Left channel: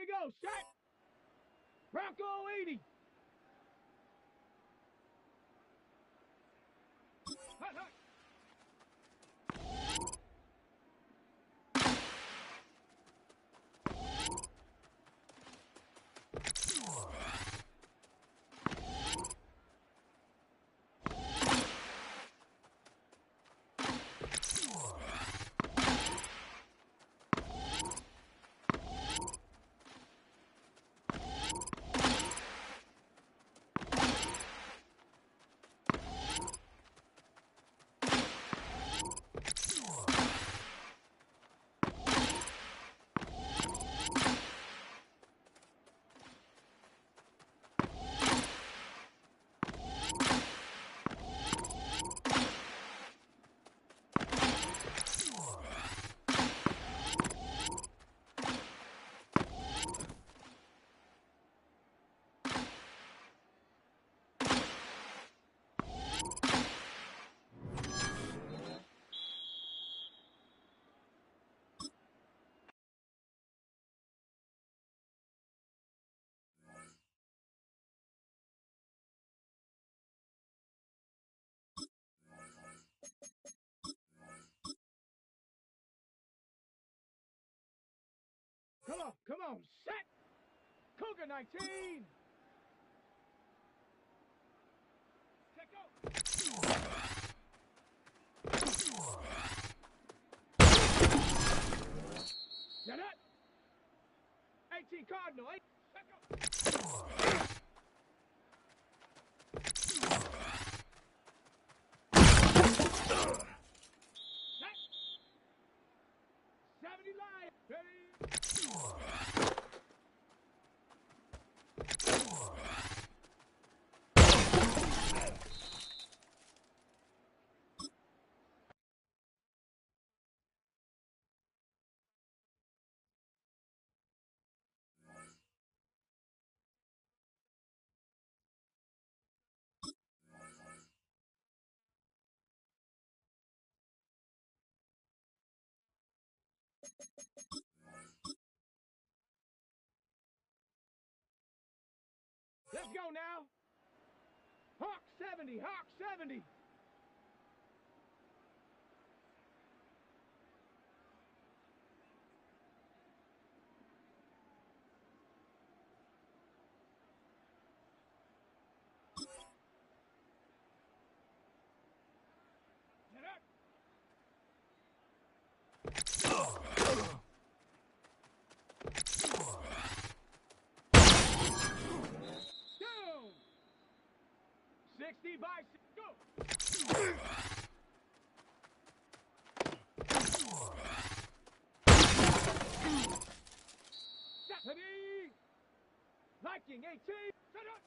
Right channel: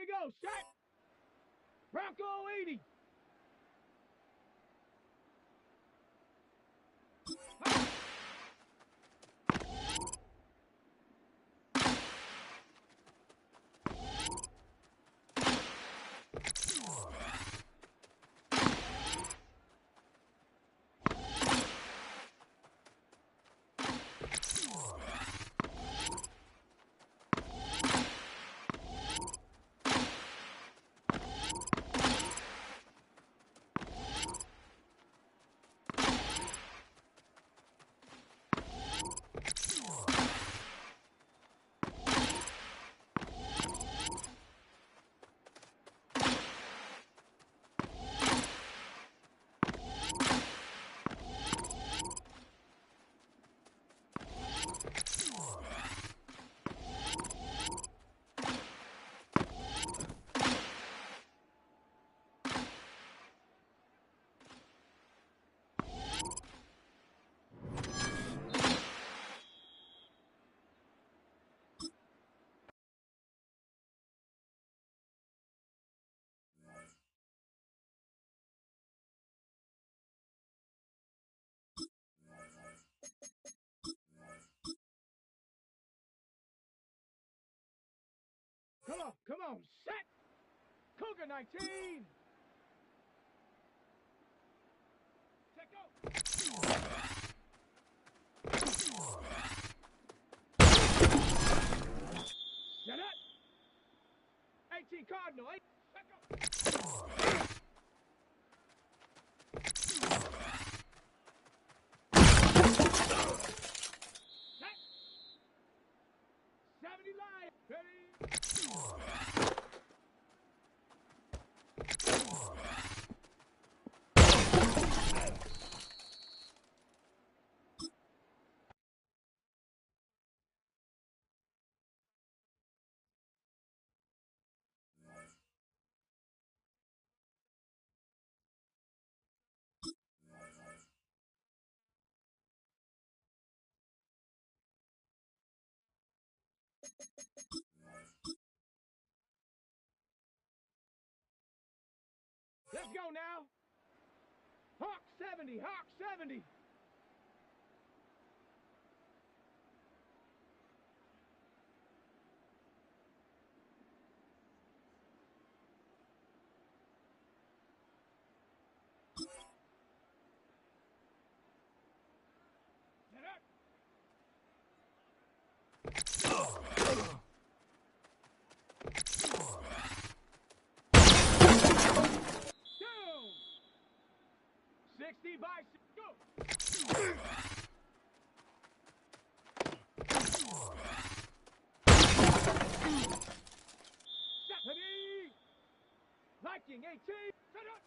we go. Set. Bronco 80. Come on, set! Cougar 19! Check out! Set it! 18 Cardinal, 8, check out! Set! 70 Lion, ready! Let's go now. Hawk 70, Hawk 70. Get up. Down. 60 by 6, go. Stephanie. Liking 18. Set up.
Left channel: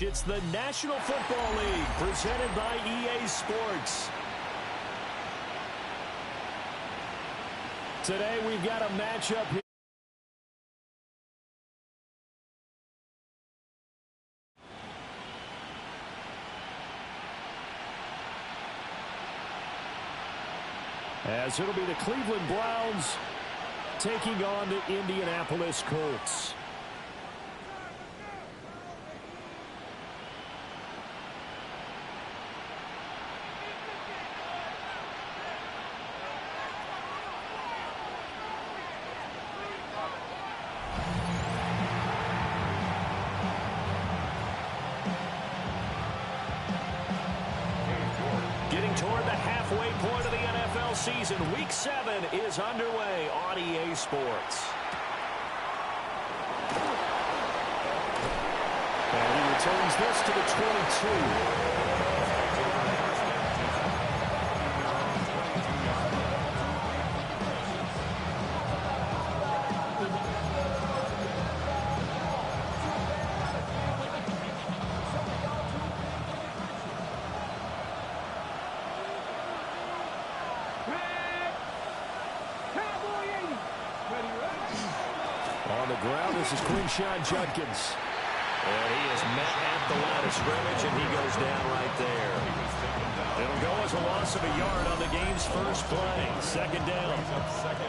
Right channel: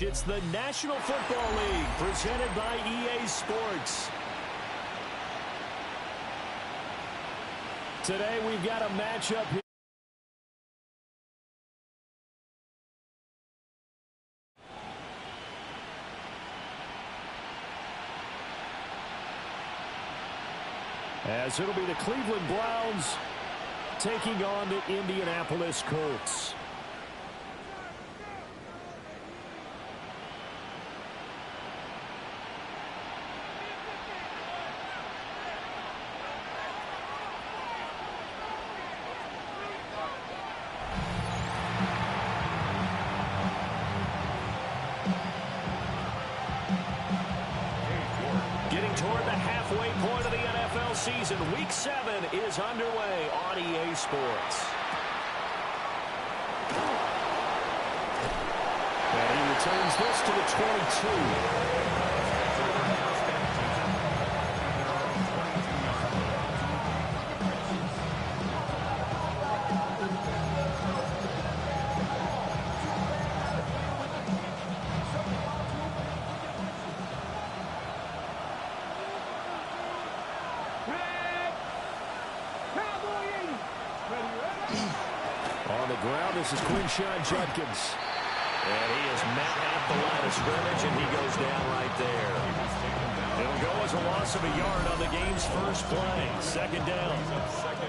It's the National Football League presented by EA Sports. Today we've got a matchup here. As it'll be the Cleveland Browns taking on the Indianapolis Colts. Getting toward the halfway point of the NFL season, Week 7 is underway on EA Sports. And he returns this to the 22. On the ground, this is Quinshawn Judkins. And he is met at the line of scrimmage, and he goes down right there. It'll go as a loss of a yard on the game's first play. Second down.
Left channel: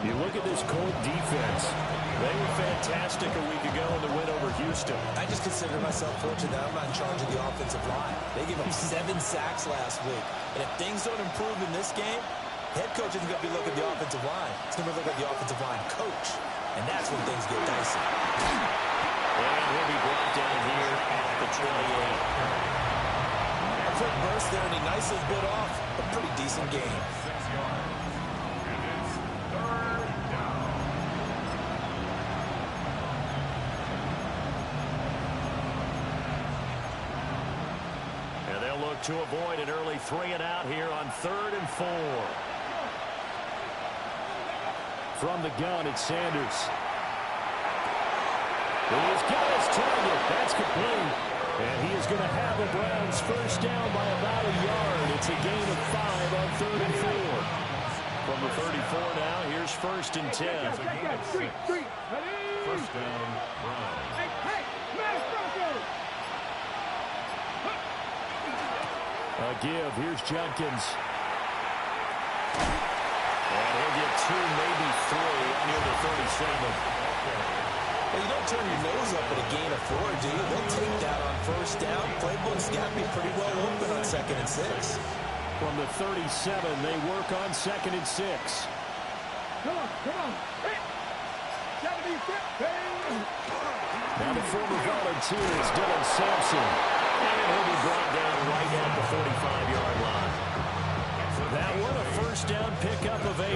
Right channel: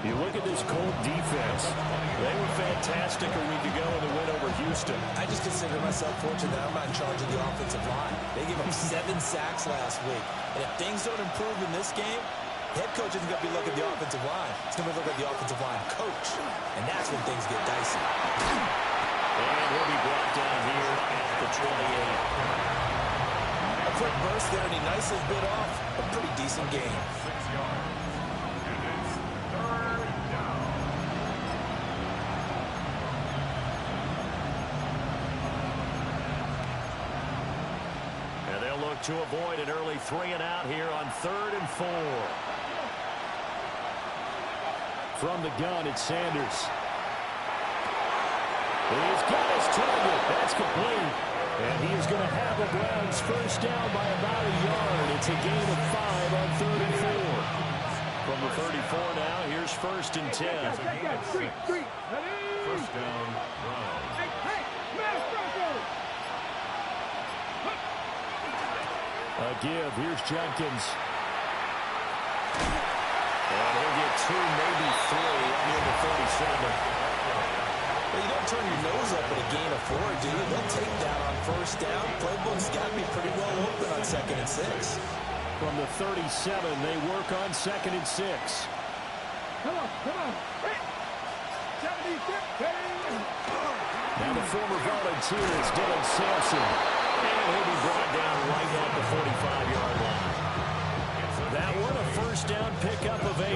You look at this Colt defense. They were fantastic a week ago in the win over Houston. I just consider myself fortunate that I'm not in charge of the offensive line. They gave up 7 sacks last week. And if things don't improve in this game, head coach isn't going to be looking at the offensive line. He's going to look at the offensive line coach. And that's when things get dicey. And he'll be brought down here at the 28. A quick burst there, and he nicely bit off a pretty decent game. 6 yards. And it's 3rd down. And they'll look to avoid an early 3-and-out here on 3rd and 4. From the gun, it's Sanders. He's got his target. That's complete. And he is going to have the Browns first down by about a yard. It's a gain of 5 on 3rd and 4. From the 34 now, here's 1st and 10. First down, Browns. A give. Here's Judkins. And he'll get 2, maybe 3 up near the 37. Well, you don't turn your nose up at a gain of 4, do you? They'll take that on first down. Playbook's got to be pretty well open on 2nd and 6. From the 37, they work on 2nd and 6. Come on. 76. Now the former volunteer is Dylan Sampson. And he'll be brought down right at the 45-yard line. That one a first down pickup of 8.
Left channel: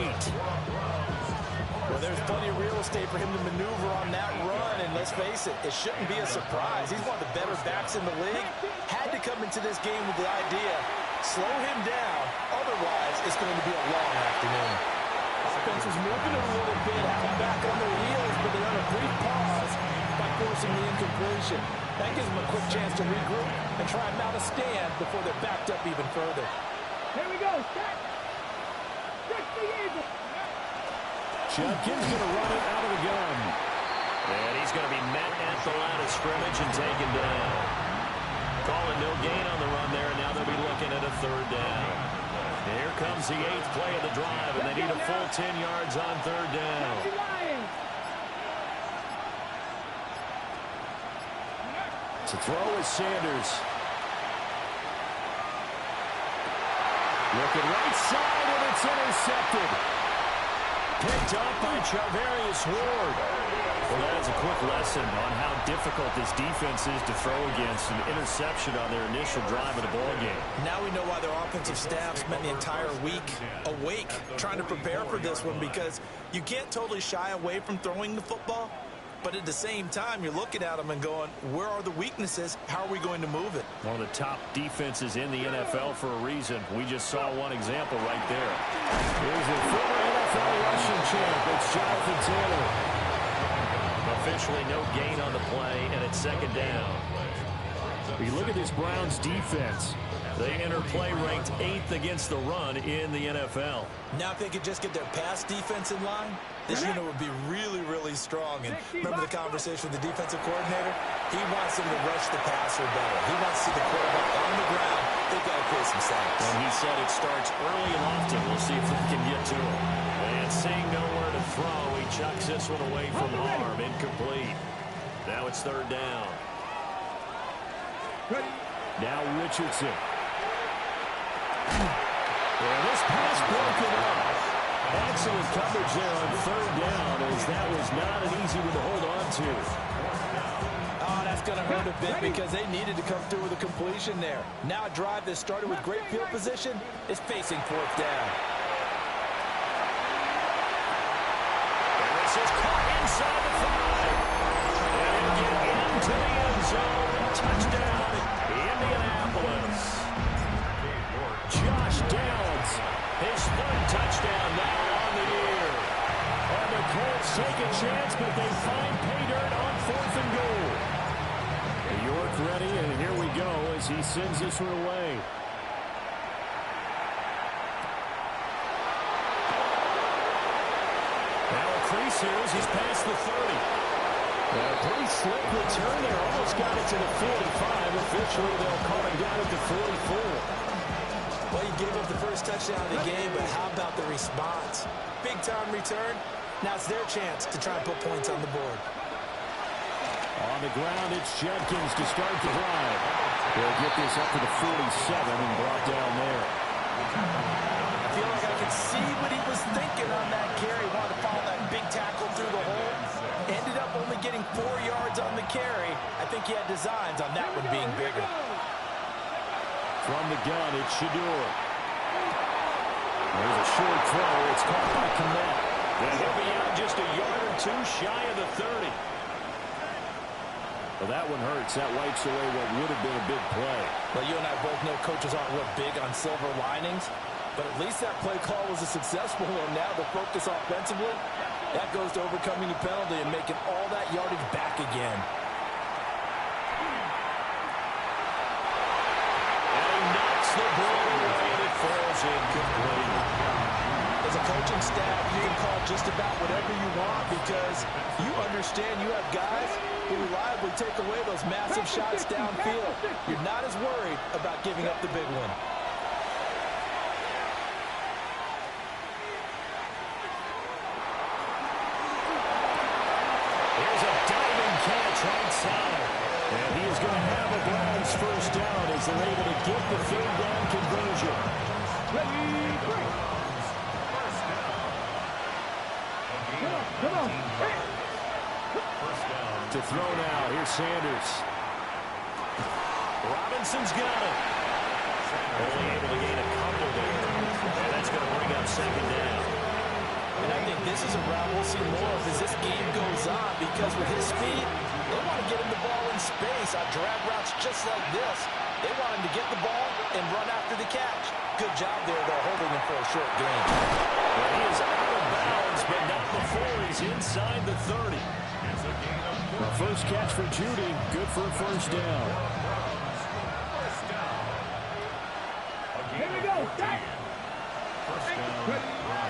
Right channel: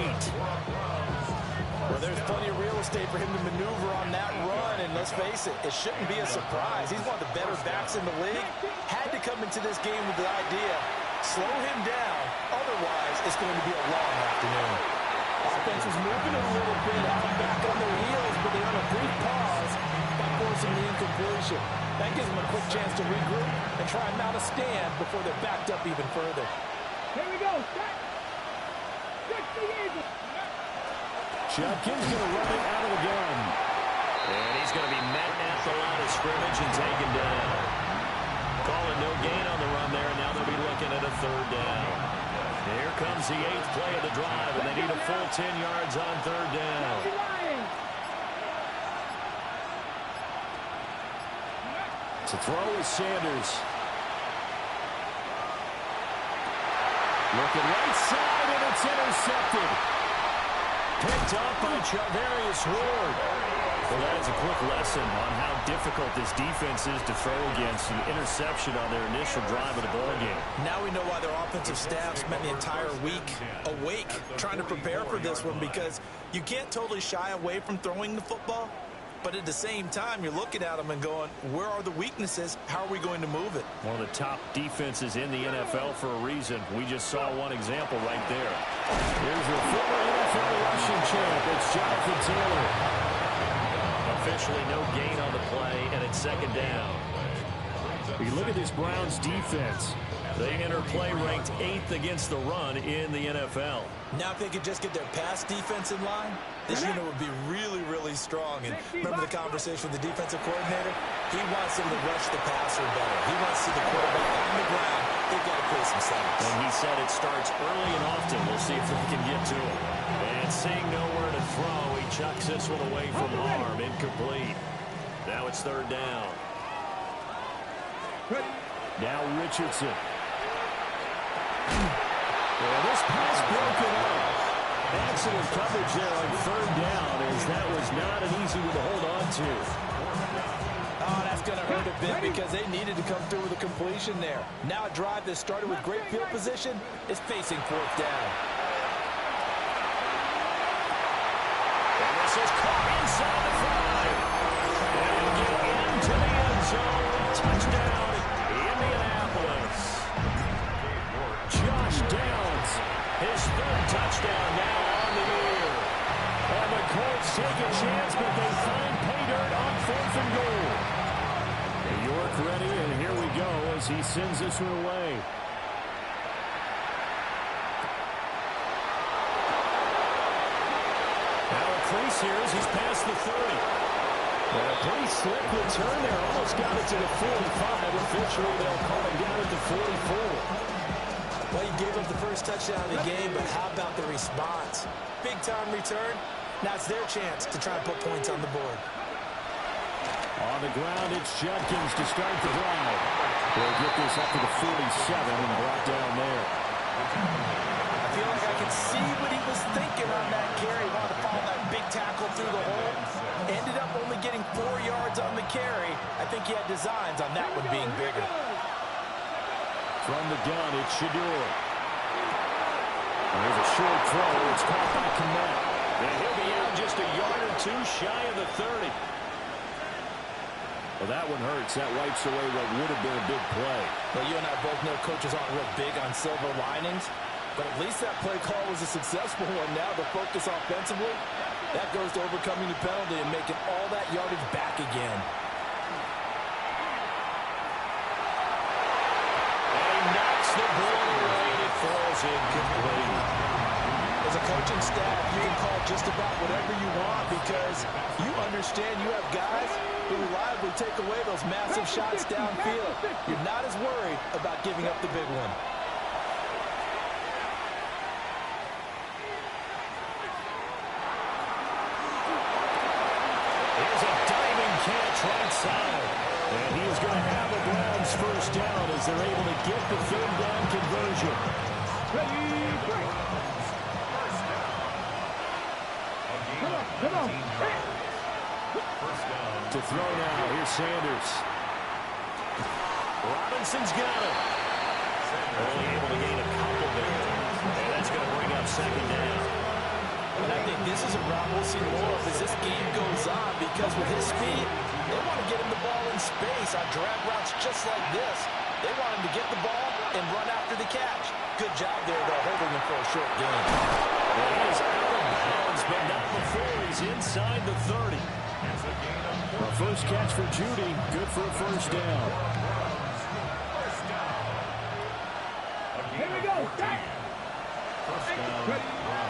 Well, there's plenty of real estate for him to maneuver on that run, and let's face it, it shouldn't be a surprise. He's one of the better backs in the league. Had to come into this game with the idea, slow him down, otherwise it's going to be a long afternoon. Offense was moving a little bit, out back on their heels, but they're on a brief pause by forcing the incompletion. That gives them a quick chance to regroup and try and mount a stand before they're backed up even further. Here we go. Set. 60 Eagles. Judkins going to run it out of the gun. And he's going to be met at the line of scrimmage and taken down. Calling no gain on the run there, and now they'll be looking at a 3rd down. Here comes the 8th play of the drive, and they need a full 10 yards on 3rd down. To throw is Sanders. Looking right side, and it's intercepted. Picked up by Charvarius Ward. Well, that is a quick lesson on how difficult this defense is to throw against. An interception on their initial drive of the ballgame. Now we know why their offensive staff spent the entire week awake trying to prepare for this one, because you can't totally shy away from throwing the football. But at the same time, you're looking at them and going, where are the weaknesses? How are we going to move it? One of the top defenses in the NFL for a reason. We just saw one example right there. Here's the former NFL rushing champ. It's Jonathan Taylor. Officially no gain on the play, and it's 2nd down. You look at this Browns defense. They enter play ranked 8th against the run in the NFL. Now if they could just get their pass defense in line, this unit would be really, really strong. And remember the conversation with the defensive coordinator? He wants them to rush the passer better. He wants to see the quarterback on the ground. They've got to create some sacks. And he said it starts early and often. We'll see if they can get to him. And seeing nowhere to throw, he chucks this one away from harm. Incomplete. Now it's 3rd down. Now Richardson. Yeah, this pass broken up. Excellent coverage there on 3rd down, as that was not an easy one to hold on to. Oh, that's going to hurt a bit because they needed to come through with a completion there. Now a drive that started with great field position is facing 4th down. And this is caught inside the 5. And it'll get into the end zone. Touchdown, Indianapolis. Josh Downs, his 3rd touchdown now on the year. And the Colts take a chance, but they find pay dirt on 4th and goal. York ready, and here we go as he sends this one away. Now a crease here as he's past the 30. A pretty slick return there. Almost got it to the 45. Officially, they'll call him down at the 44. Well, he gave up the first touchdown of the game, but how about the response? Big-time return. Now it's their chance to try and put points on the board. On the ground, it's Judkins to start the drive. They'll get this up to the 47 and brought down there. I feel like I can see what he was thinking on that carry. Wanted to follow that big tackle through the hole. Ended up only getting 4 yards on the carry. I think he had designs on that one being bigger. From the gun, it's Shador. There's a short throw. It's caught by Kmet. And he'll be out just a yard or 2 shy of the 30. Well, that one hurts. That wipes away what would have been a big play. Well, you and I both know coaches aren't real big on silver linings, but at least that play call was a successful one. Now the focus offensively, that goes to overcoming the penalty and making all that yardage back again. And he knocks the ball away, and it falls incomplete. As a coaching staff, you can call just about whatever you want because you understand you have guys who reliably take away those massive shots downfield. You're not as worried about giving up the big one. Here's a diving catch right side. And he is going to have a Browns first down as they're able to get the 3rd down conversion. Ready, break. Come on. To throw now, here's Sanders. Robinson's got him. Only able to gain a couple there. And that's going to bring up 2nd down. And I think this is a route we'll see more of as this game goes on because with his speed, they want to get him the ball in space on drag routes just like this. They want him to get the ball and run after the catch. Good job there, though, holding him for a short gain. Well, he is out of bounds, but not before he's inside the 30. The first catch for Judy, good for a first down. Here we go.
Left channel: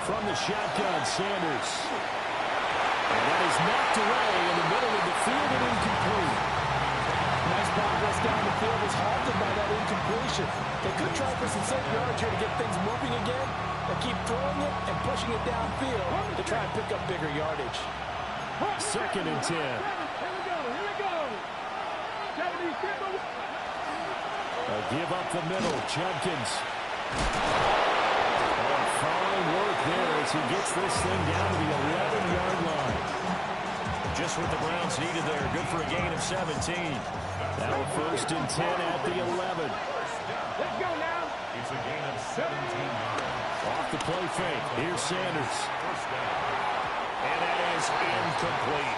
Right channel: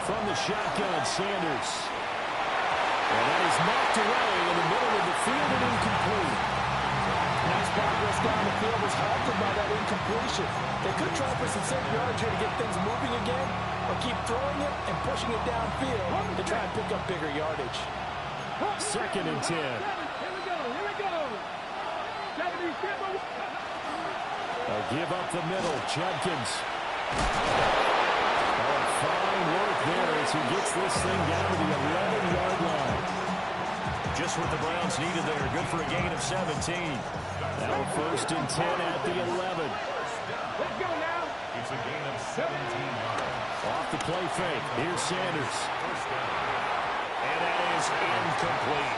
From the shotgun, Sanders. And that is knocked away in the middle of the field and incomplete. Nice progress down the field was halted by that incompletion. They could try for some safe yards here to get things moving again, or keep throwing it and pushing it downfield to try and pick up bigger yardage. 2nd and 10. Here we go. A give up the middle, Judkins. Oh, fine work there as he gets this thing down to the 11-yard line. Just what the Browns needed there. Good for a gain of 17. Now a 1st and 10 at the 11. Let's go now. It's a gain of 17 yards. Off the play fake. Here's Sanders. And that is incomplete.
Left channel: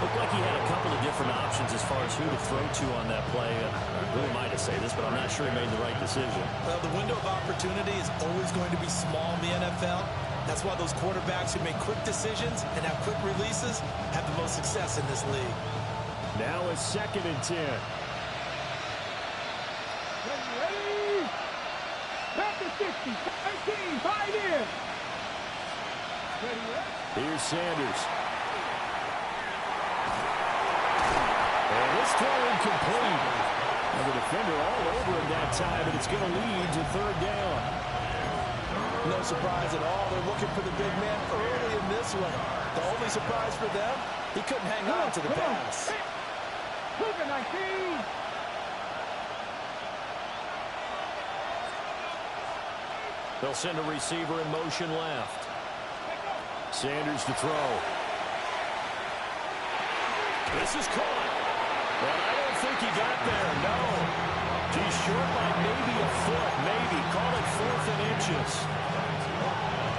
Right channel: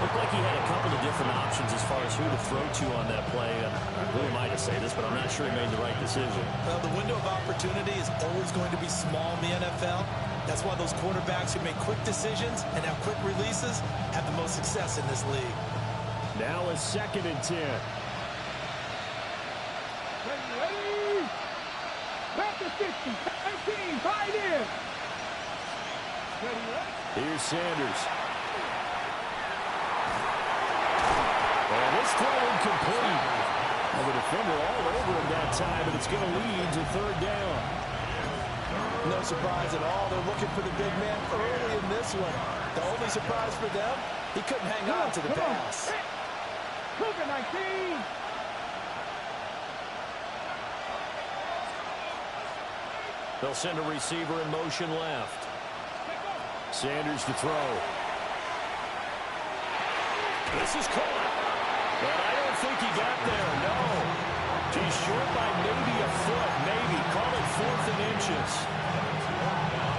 Looked like he had a couple of different options as far as who to throw to on that play. And who am I to say this, but I'm not sure he made the right decision. Well, the window of opportunity is always going to be small in the NFL. That's why those quarterbacks who make quick decisions and have quick releases have the most success in this league. Now a 2nd and 10. Ready. Back to 60. 19. Tied in. Ready. Here's Sanders. And this throw incomplete. And the defender all over him that time, and it's going to lead to third down. No surprise at all. They're looking for the big man early in this one. The only surprise for them, he couldn't hang on to the pass. Cougar 19. They'll send a receiver in motion left. Sanders to throw. This is caught. But I don't think he got there, no. He's short by maybe a foot, maybe. Call it 4th and inches.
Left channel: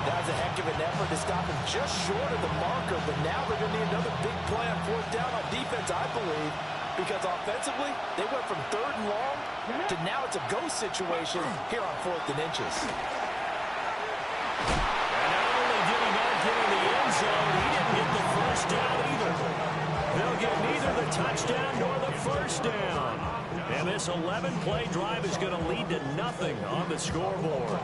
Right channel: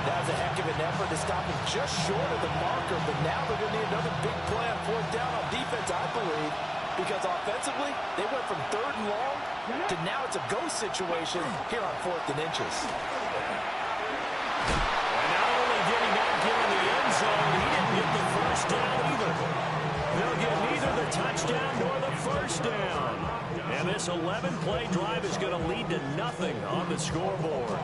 That was a heck of an effort to stop him just short of the marker, but now they're going to need another big play on 4th down on defense, I believe, because offensively, they went from 3rd and long to now it's a go situation here on 4th and inches. And not only did he not get in the end zone, he didn't get the first down either. They'll get neither the touchdown nor the first down. And this 11-play drive is going to lead to nothing on the scoreboard.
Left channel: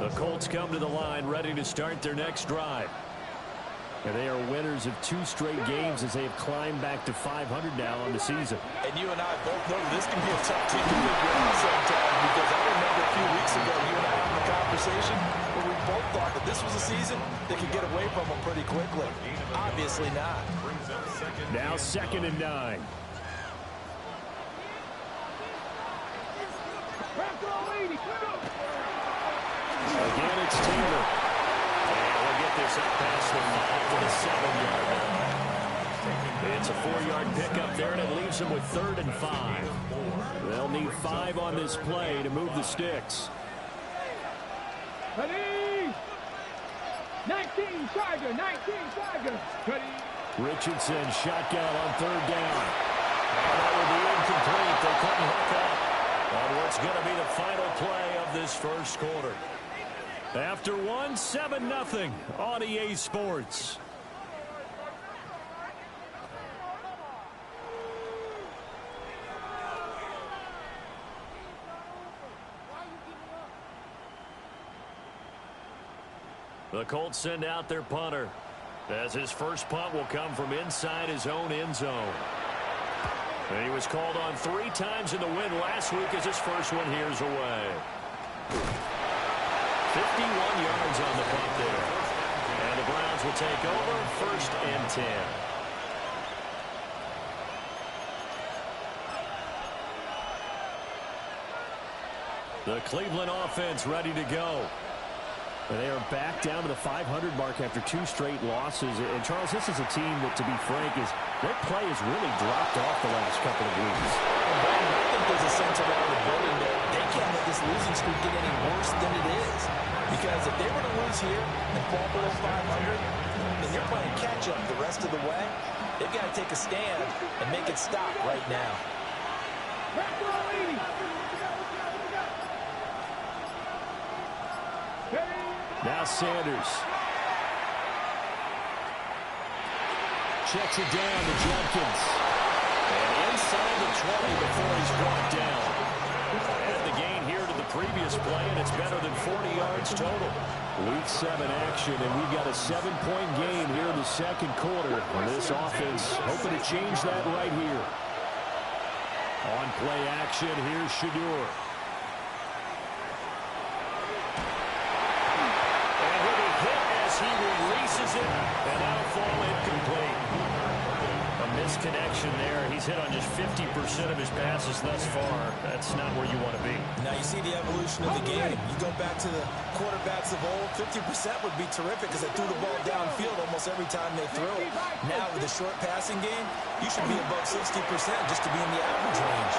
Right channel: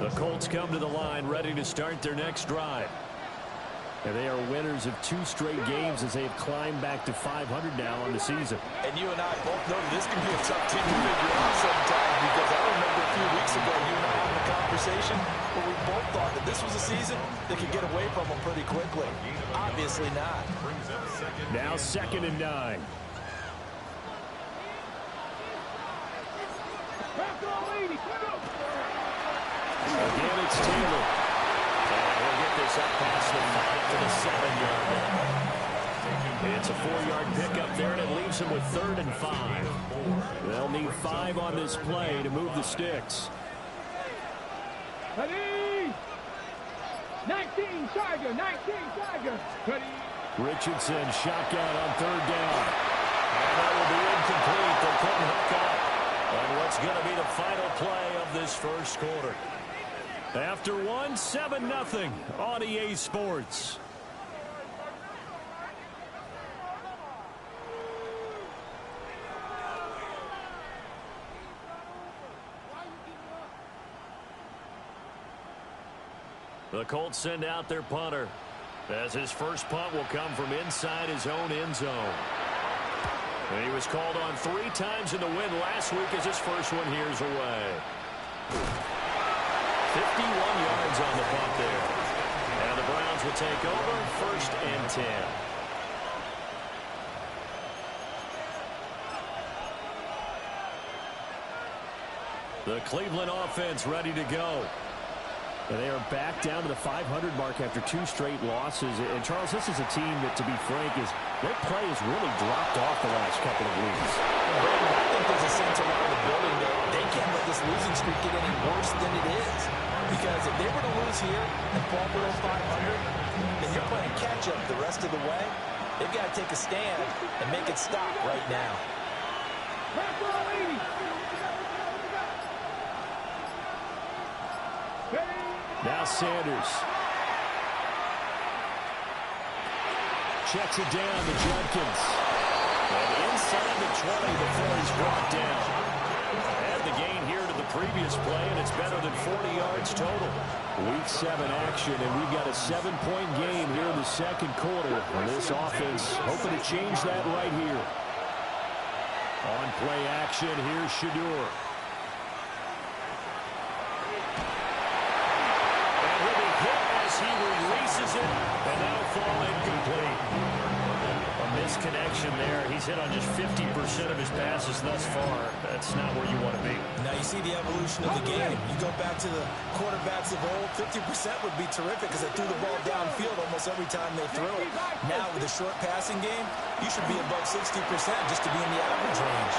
The Colts come to the line ready to start their next drive. And they are winners of 2 straight games as they have climbed back to 500 now on the season. And you and I both know that this can be a tough team to figure out sometimes, because I remember a few weeks ago you and I having a conversation where we both thought that this was a season that could get away from them pretty quickly. Obviously not. Now 2nd and 9. Again, it's Taylor. And he'll get this up past the 5 to the 7-yard line. It's a 4-yard pickup there, and it leaves them with 3rd and 5. They'll need 5 on this play to move the sticks. Ready. 19, Tiger. 19, Tiger. Ready. Richardson, shotgun on 3rd down. And that will be incomplete. They couldn't hook up on what's going to be the final play of this first quarter. After 1, 7-0 on EA Sports. The Colts send out their punter, as his first punt will come from inside his own end zone. And he was called on 3 times in the win last week as his first one here's away. 51 yards on the punt there. And the Browns will take over 1st and 10. The Cleveland offense ready to go. And they are back down to the 500 mark after 2 straight losses. And, Charles, this is a team that, to be frank, their play has really dropped off the last couple of weeks. And Brandon, I think there's a sense around the building that they can't let this losing streak get any worse than it is. Because if they were to lose here and fall below 500, then you're playing catch-up the rest of the way. They've got to take a stand and make it stop right now. Now Sanders. Checks it down to Judkins. And inside the 20 before he's brought down. Add the gain here to the previous play, and it's better than 40 yards total. Week 7 action, and we've got a 7-point game here in the second quarter. And this offense hoping to change that right here. On play action, here's Shadur. He releases it, and that'll fall incomplete. A misconnection there. He's hit on just 50% of his passes thus far. That's not where you want to be. Now you see the evolution of the game. You go back to the quarterbacks of old, 50% would be terrific because they threw the ball downfield almost every time they threw it. Now with a short passing game, you should be above 60% just to be in the average range.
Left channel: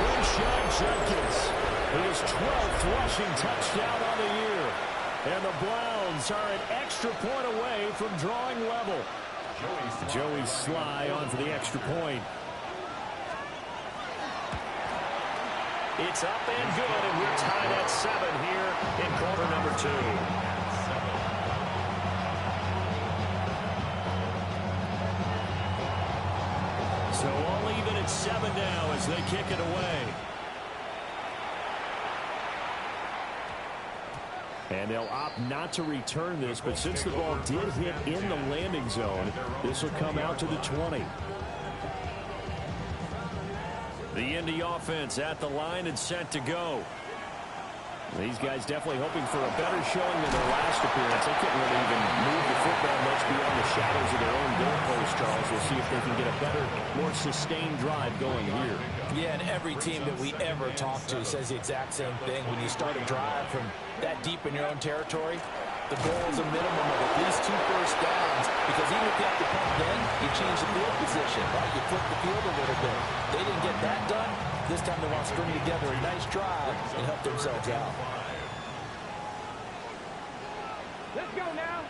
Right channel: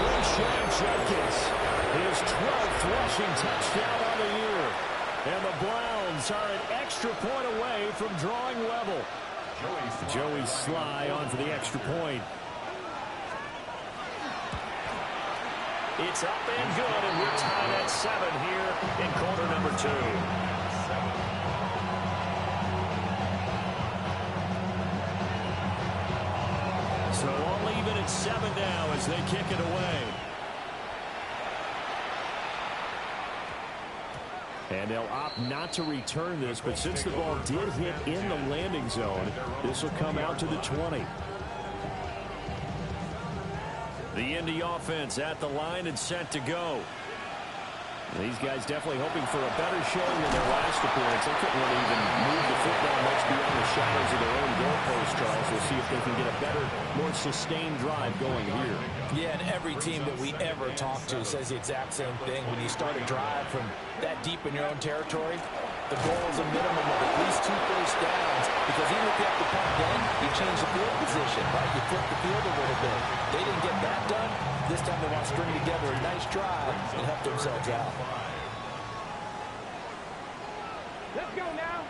Quinshon Judkins, his 12th rushing touchdown on the year. And the Browns are an extra point away from drawing level. Joey Sly on for the extra point. It's up and good, and we're tied at 7 here in quarter number 2. So we'll leave it at 7 now as they kick it away. And they'll opt not to return this, but since the ball did hit in the landing zone, this will come out to the 20. The Indy offense at the line and set to go. These guys definitely hoping for a better showing than their last appearance. They couldn't really even move the football much beyond the shadows of their own goalpost, Charles. We'll see if they can get a better, more sustained drive going here. Yeah, and every team that we ever talk to says the exact same thing. When you start a drive from that deep in your own territory, the goal is a minimum of at least 2 first downs, because even if you have to punt then, you change the field position, right? You flip the field a little bit. They didn't get that done. This time they want to string together a nice drive and help themselves out. Let's go now.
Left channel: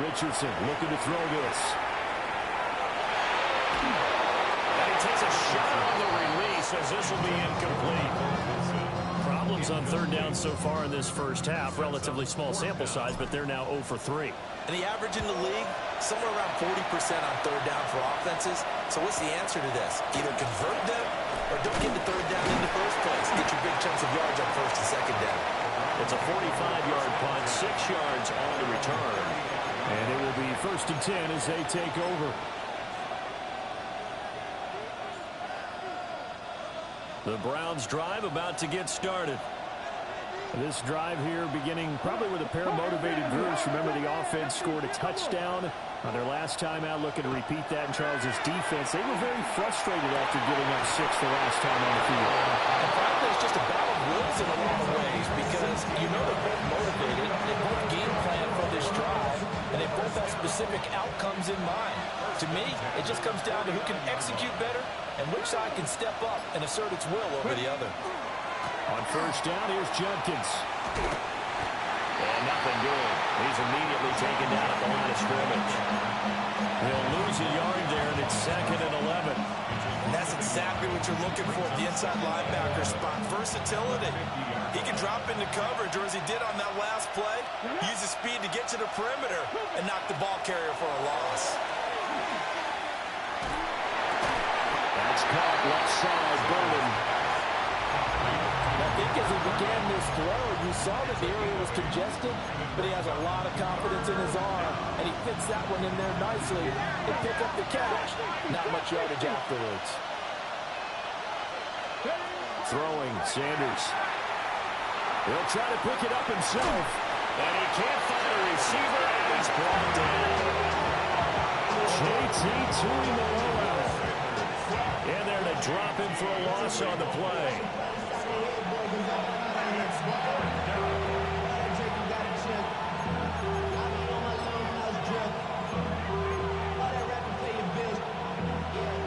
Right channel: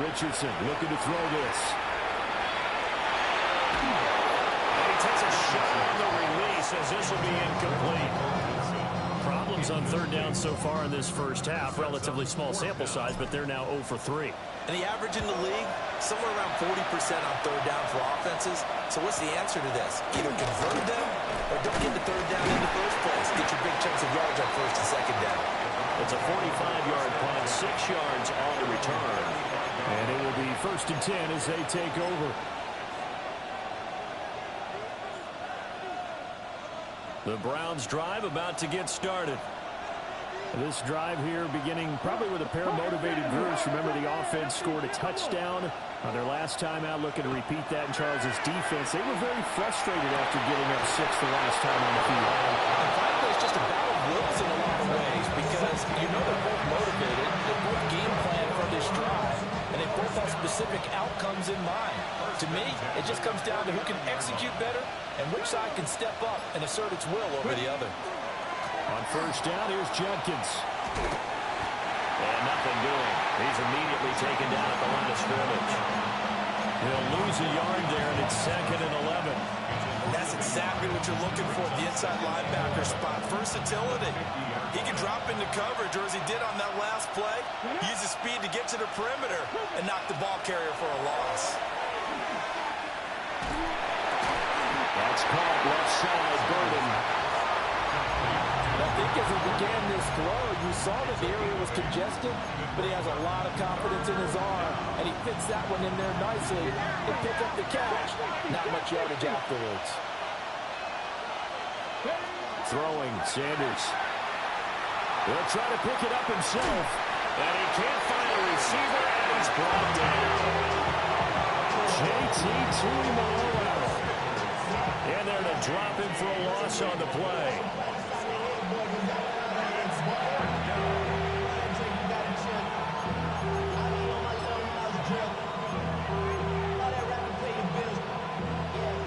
Richardson looking to throw this. And he takes a shot on the release as this will be incomplete. Problems on third down so far in this first half. Relatively small sample size, but they're now 0 for 3. And the average in the league, somewhere around 40% on third down for offenses. So what's the answer to this? Either convert them or don't get the third down in the first place. Get your big chunks of yards on first and second down. It's a 45-yard punt, 6 yards on the return. And it will be 1st and 10 as they take over. The Browns drive about to get started. This drive here beginning probably with a pair of motivated groups. Remember, the offense scored a touchdown on their last time out, looking to repeat that in Charles's defense. They were very frustrated after giving up 6 the last time on the field. And frankly, it's just a battle of wills in a lot of ways, because you know they're both motivated, they both game plan for this drive, and they both have specific outcomes in mind. To me, it just comes down to who can execute better and which side can step up and assert its will over the other. On first down, here's Judkins. And nothing doing. He's immediately taken down at the line of scrimmage. He'll lose a yard there, and it's 2nd and 11. And that's exactly what you're looking for, the inside linebacker spot. Versatility. He can drop into coverage, or as he did on that last play, use his speed to get to the perimeter and knock the ball carrier for a loss. That's caught left side, Burden. I think as he began this throw, you saw that the area was congested, but he has a lot of confidence in his arm, and he fits that one in there nicely and pick up the catch. Not much yardage afterwards. Throwing, Sanders. He'll try to pick it up himself, and he can't find a receiver, and he's brought down. JT Tuimoloau. In there to drop him for a loss on the play.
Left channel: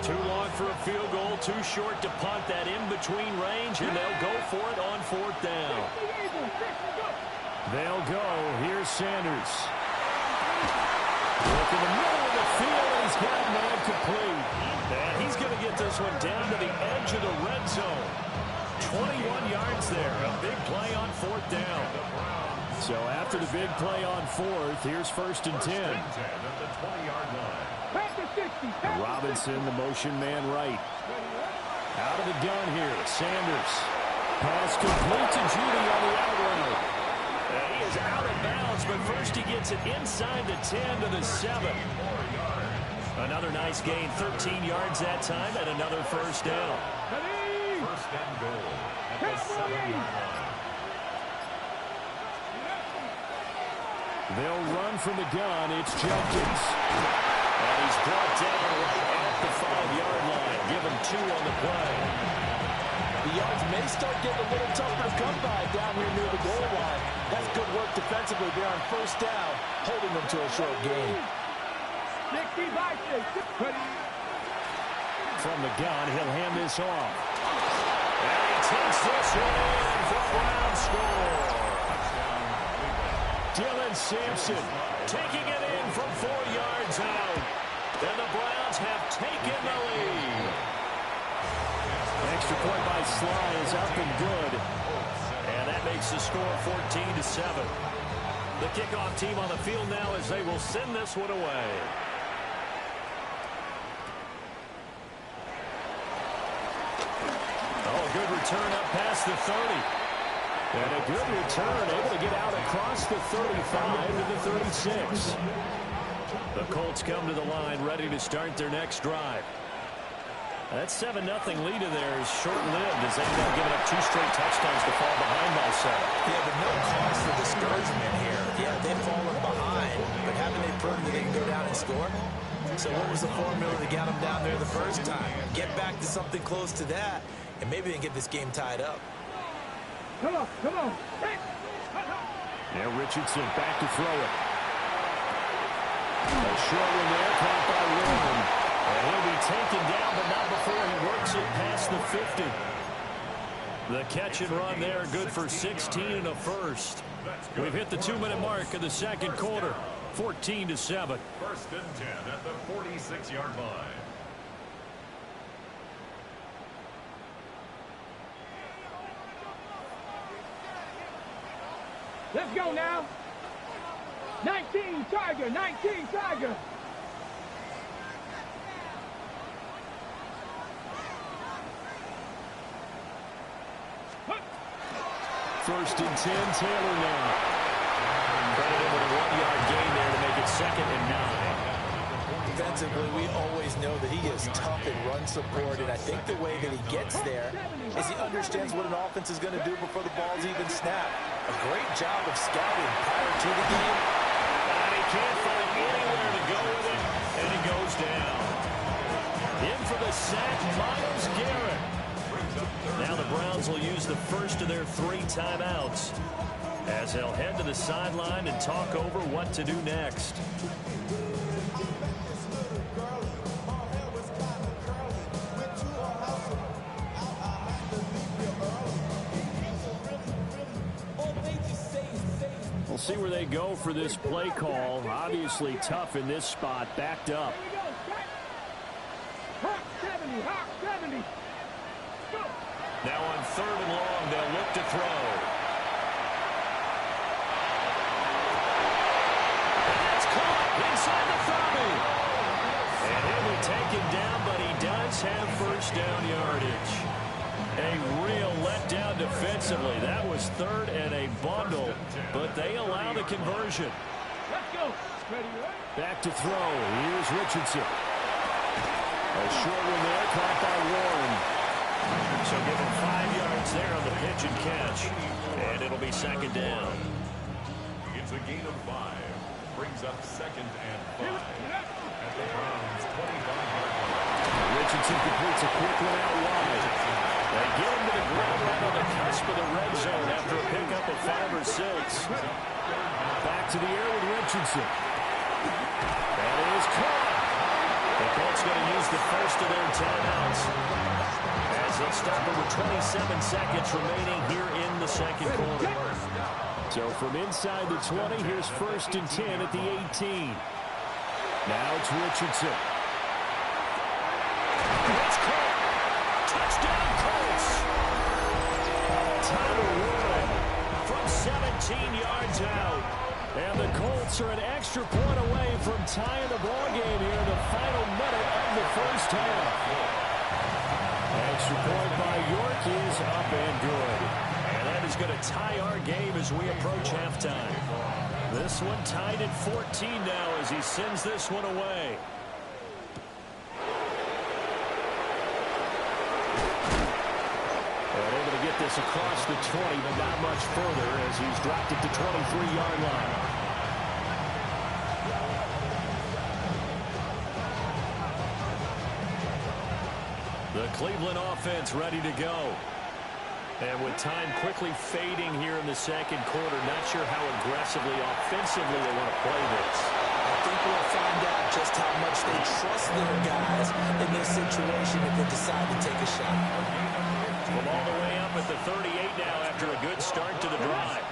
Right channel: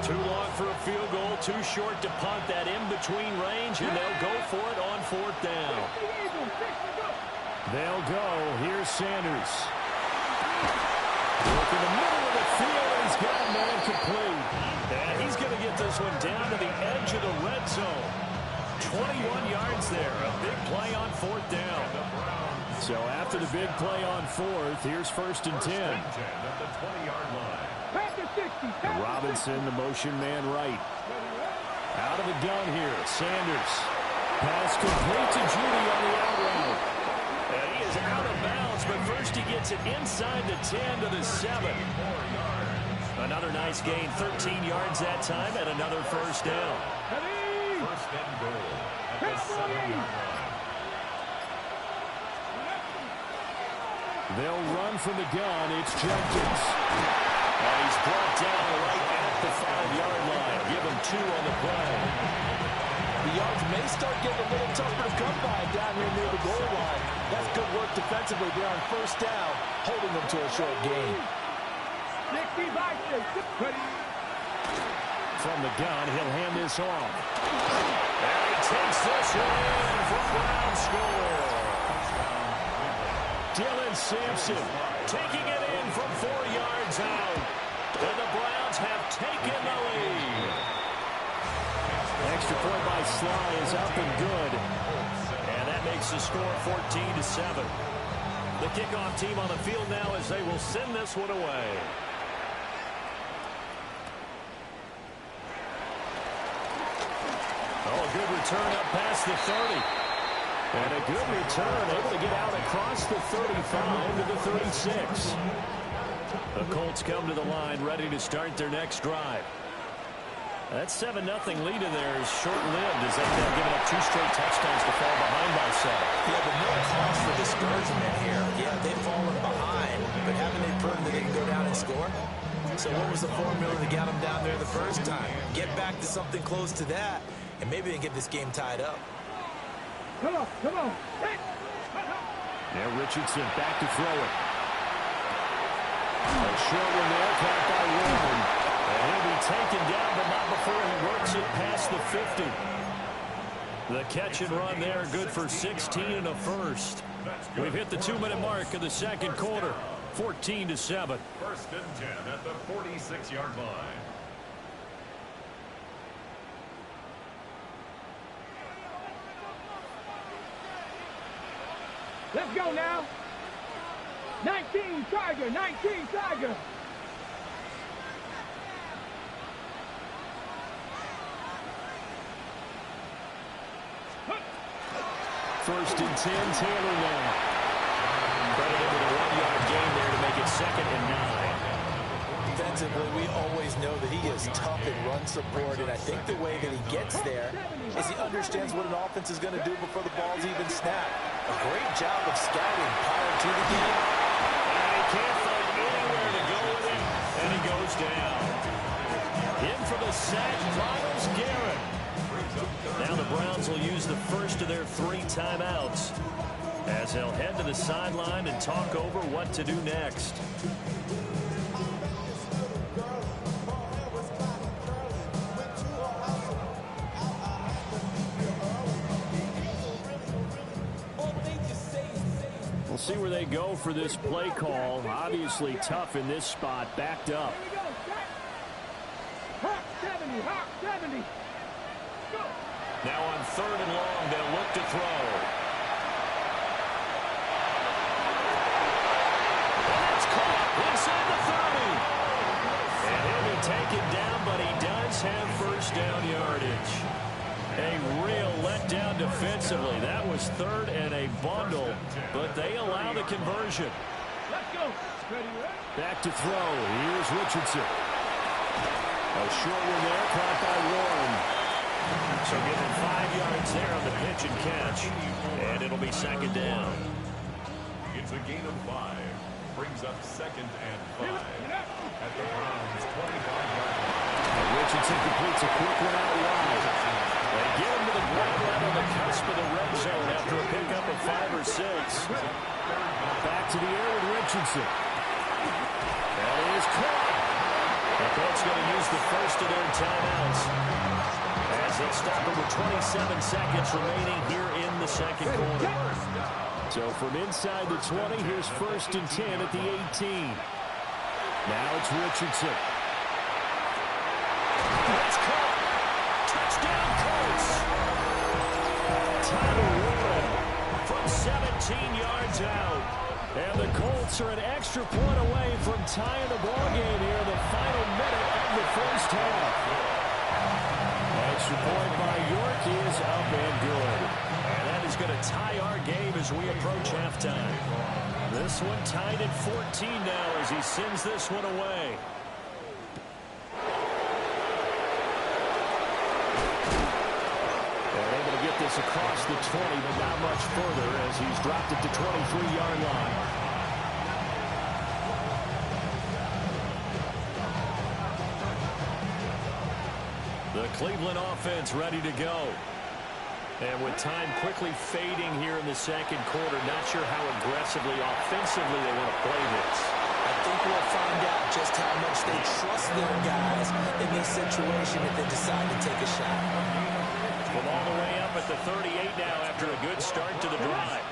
Too long for a field goal, too short to punt. That in-between range, and they'll go for it on 4th down. They'll go. Here's Sanders. Look in the middle of the field, and he's got a man complete. And he's going to get this one down to the edge of the red zone. 21 yards there. A big play on 4th down. So after the big play on 4th, here's 1st and 10. At the 20-yard line. Robinson, the motion man right. Out of the gun here, Sanders. Pass complete to Judy on the out route. He is out of bounds, but first he gets it inside the 10 to the 7. Another nice gain, 13 yards that time, and another 1st down. 1st and goal at the 7-yard line. They'll run from the gun. It's Judkins. And he's brought down right at the 5-yard line. Give him 2 on the play. The yards may start getting a little tougher to come by down here near the goal line. That's good work defensively there on 1st down, holding them to a short gain. 60 by 6. From the gun, he'll hand this off. And he takes this one in for Brown score. Dylan Sampson taking it in from 4 yards out. And the Browns have taken the lead. Extra point by Sly is up and good. And that makes the score 14-7. The kickoff team on the field now as they will send this one away. Oh, a good return up past the 30. And a good return, able to get out across the 35 to the 36. The Colts come to the line, ready to start their next drive. That 7-0 lead of theirs is short-lived as they end up giving up 2 straight touchdowns to fall behind by 7. Yeah, but no cause for discouragement here. Yeah, they've fallen behind, but haven't they proven that they can go down and score? So what was the formula that got them down there the first time? Get back to something close to that, and maybe they can get this game tied up. Come on, come on. Now Richardson back to throw it. A short one there, caught by Warren. And he'll be taken down, but not before he works it past the 50. The catch and run there, good for 16 and a first. We've hit the 2-minute mark of the second quarter, 14-7. 1st and 10 at the 46-yard line. Let's go now. 19 Tiger, 19 Tiger. First and 10, Taylor now. Credited with a 1-yard gain there to make it 2nd and 9. Defensively, we always know that he is tough in run support, and I think the way that he gets there is he understands what an offense is going to do before the ball's even snapped. A great job of scouting prior to the game. And he can't find anywhere to go with it, and he goes down. In for the sack, Myles Garrett. Now the Browns will use the first of their 3 timeouts as they'll head to the sideline and talk over what to do next. We'll see where they go for this play call. Obviously tough in this spot, backed up. Here we go, Hawk 70, Hawk 70. Go. Now on 3rd and long, they'll look to throw. And that's caught inside the 30. And he'll be taken down, but he does have first down yardage. A real letdown defensively. That was 3rd and a bundle, but they allow the conversion. Let's go. Ready, ready? Back to throw. Here's Richardson. A short one there, caught by Warren. So give him 5 yards there on the pitch and catch. And it'll be 2nd down. It's a gain of 5. Brings up 2nd and 5 at the Browns' 25-yard line. Richardson completes a quick one out wide. They get him to the ground right on the cusp of the red zone after a pickup of 5 or 6. Back to the air with Richardson. That is caught. The Colts going to use the first of their timeouts as they'll stop it with 27 seconds remaining here in the second quarter. So from inside the 20, here's 1st and 10 at the 18. Now it's Richardson. It's caught. Touchdown Colts. Tyler Warren from 17 yards out. And the Colts are an extra point away from tying the ball game here in the final minute of the first half. Extra point by York is up and good. And that is going to tie our game as we approach halftime. This one tied at 14 now as he sends this one away. And able to get this across the 20, but not much further as he's dropped it to 23-yard line. The Cleveland offense ready to go. And with time quickly fading here in the second quarter, not sure how aggressively, offensively they want to play this. I think we'll find out just how much they trust their guys in this situation if they decide to take a shot. From all the way up at the 38 now after a good start to the drive.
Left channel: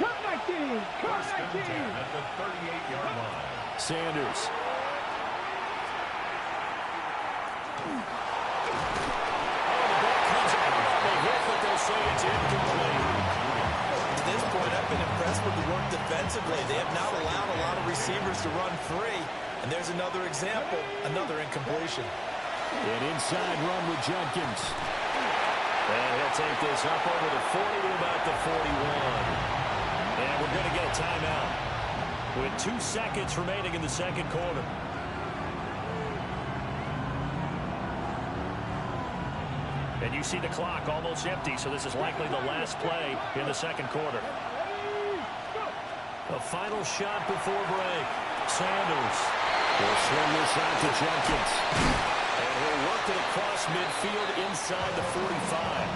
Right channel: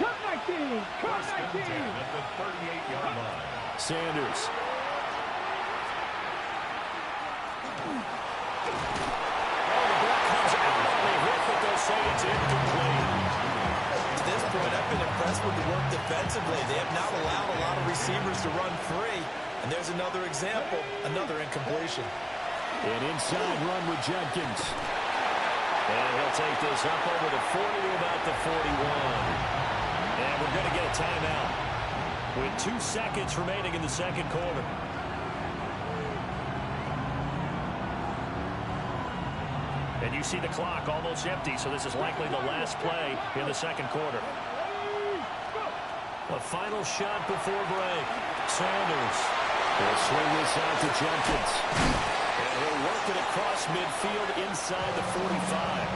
Cut 19, cut 19. At the 38-yard line. Sanders. But they'll say it's incomplete. To this point, I've been impressed with the work defensively. They have not allowed a lot of receivers to run free. And there's another example, another incompletion. An inside run with Judkins. And he'll take this up over the 40 to about the 41. And we're going to get a timeout with 2 seconds remaining in the second quarter. And you see the clock almost empty, so this is likely the last play in the second quarter. A final shot before break. Sanders will swing this out to Jenkins. And he'll work it across midfield inside the 45.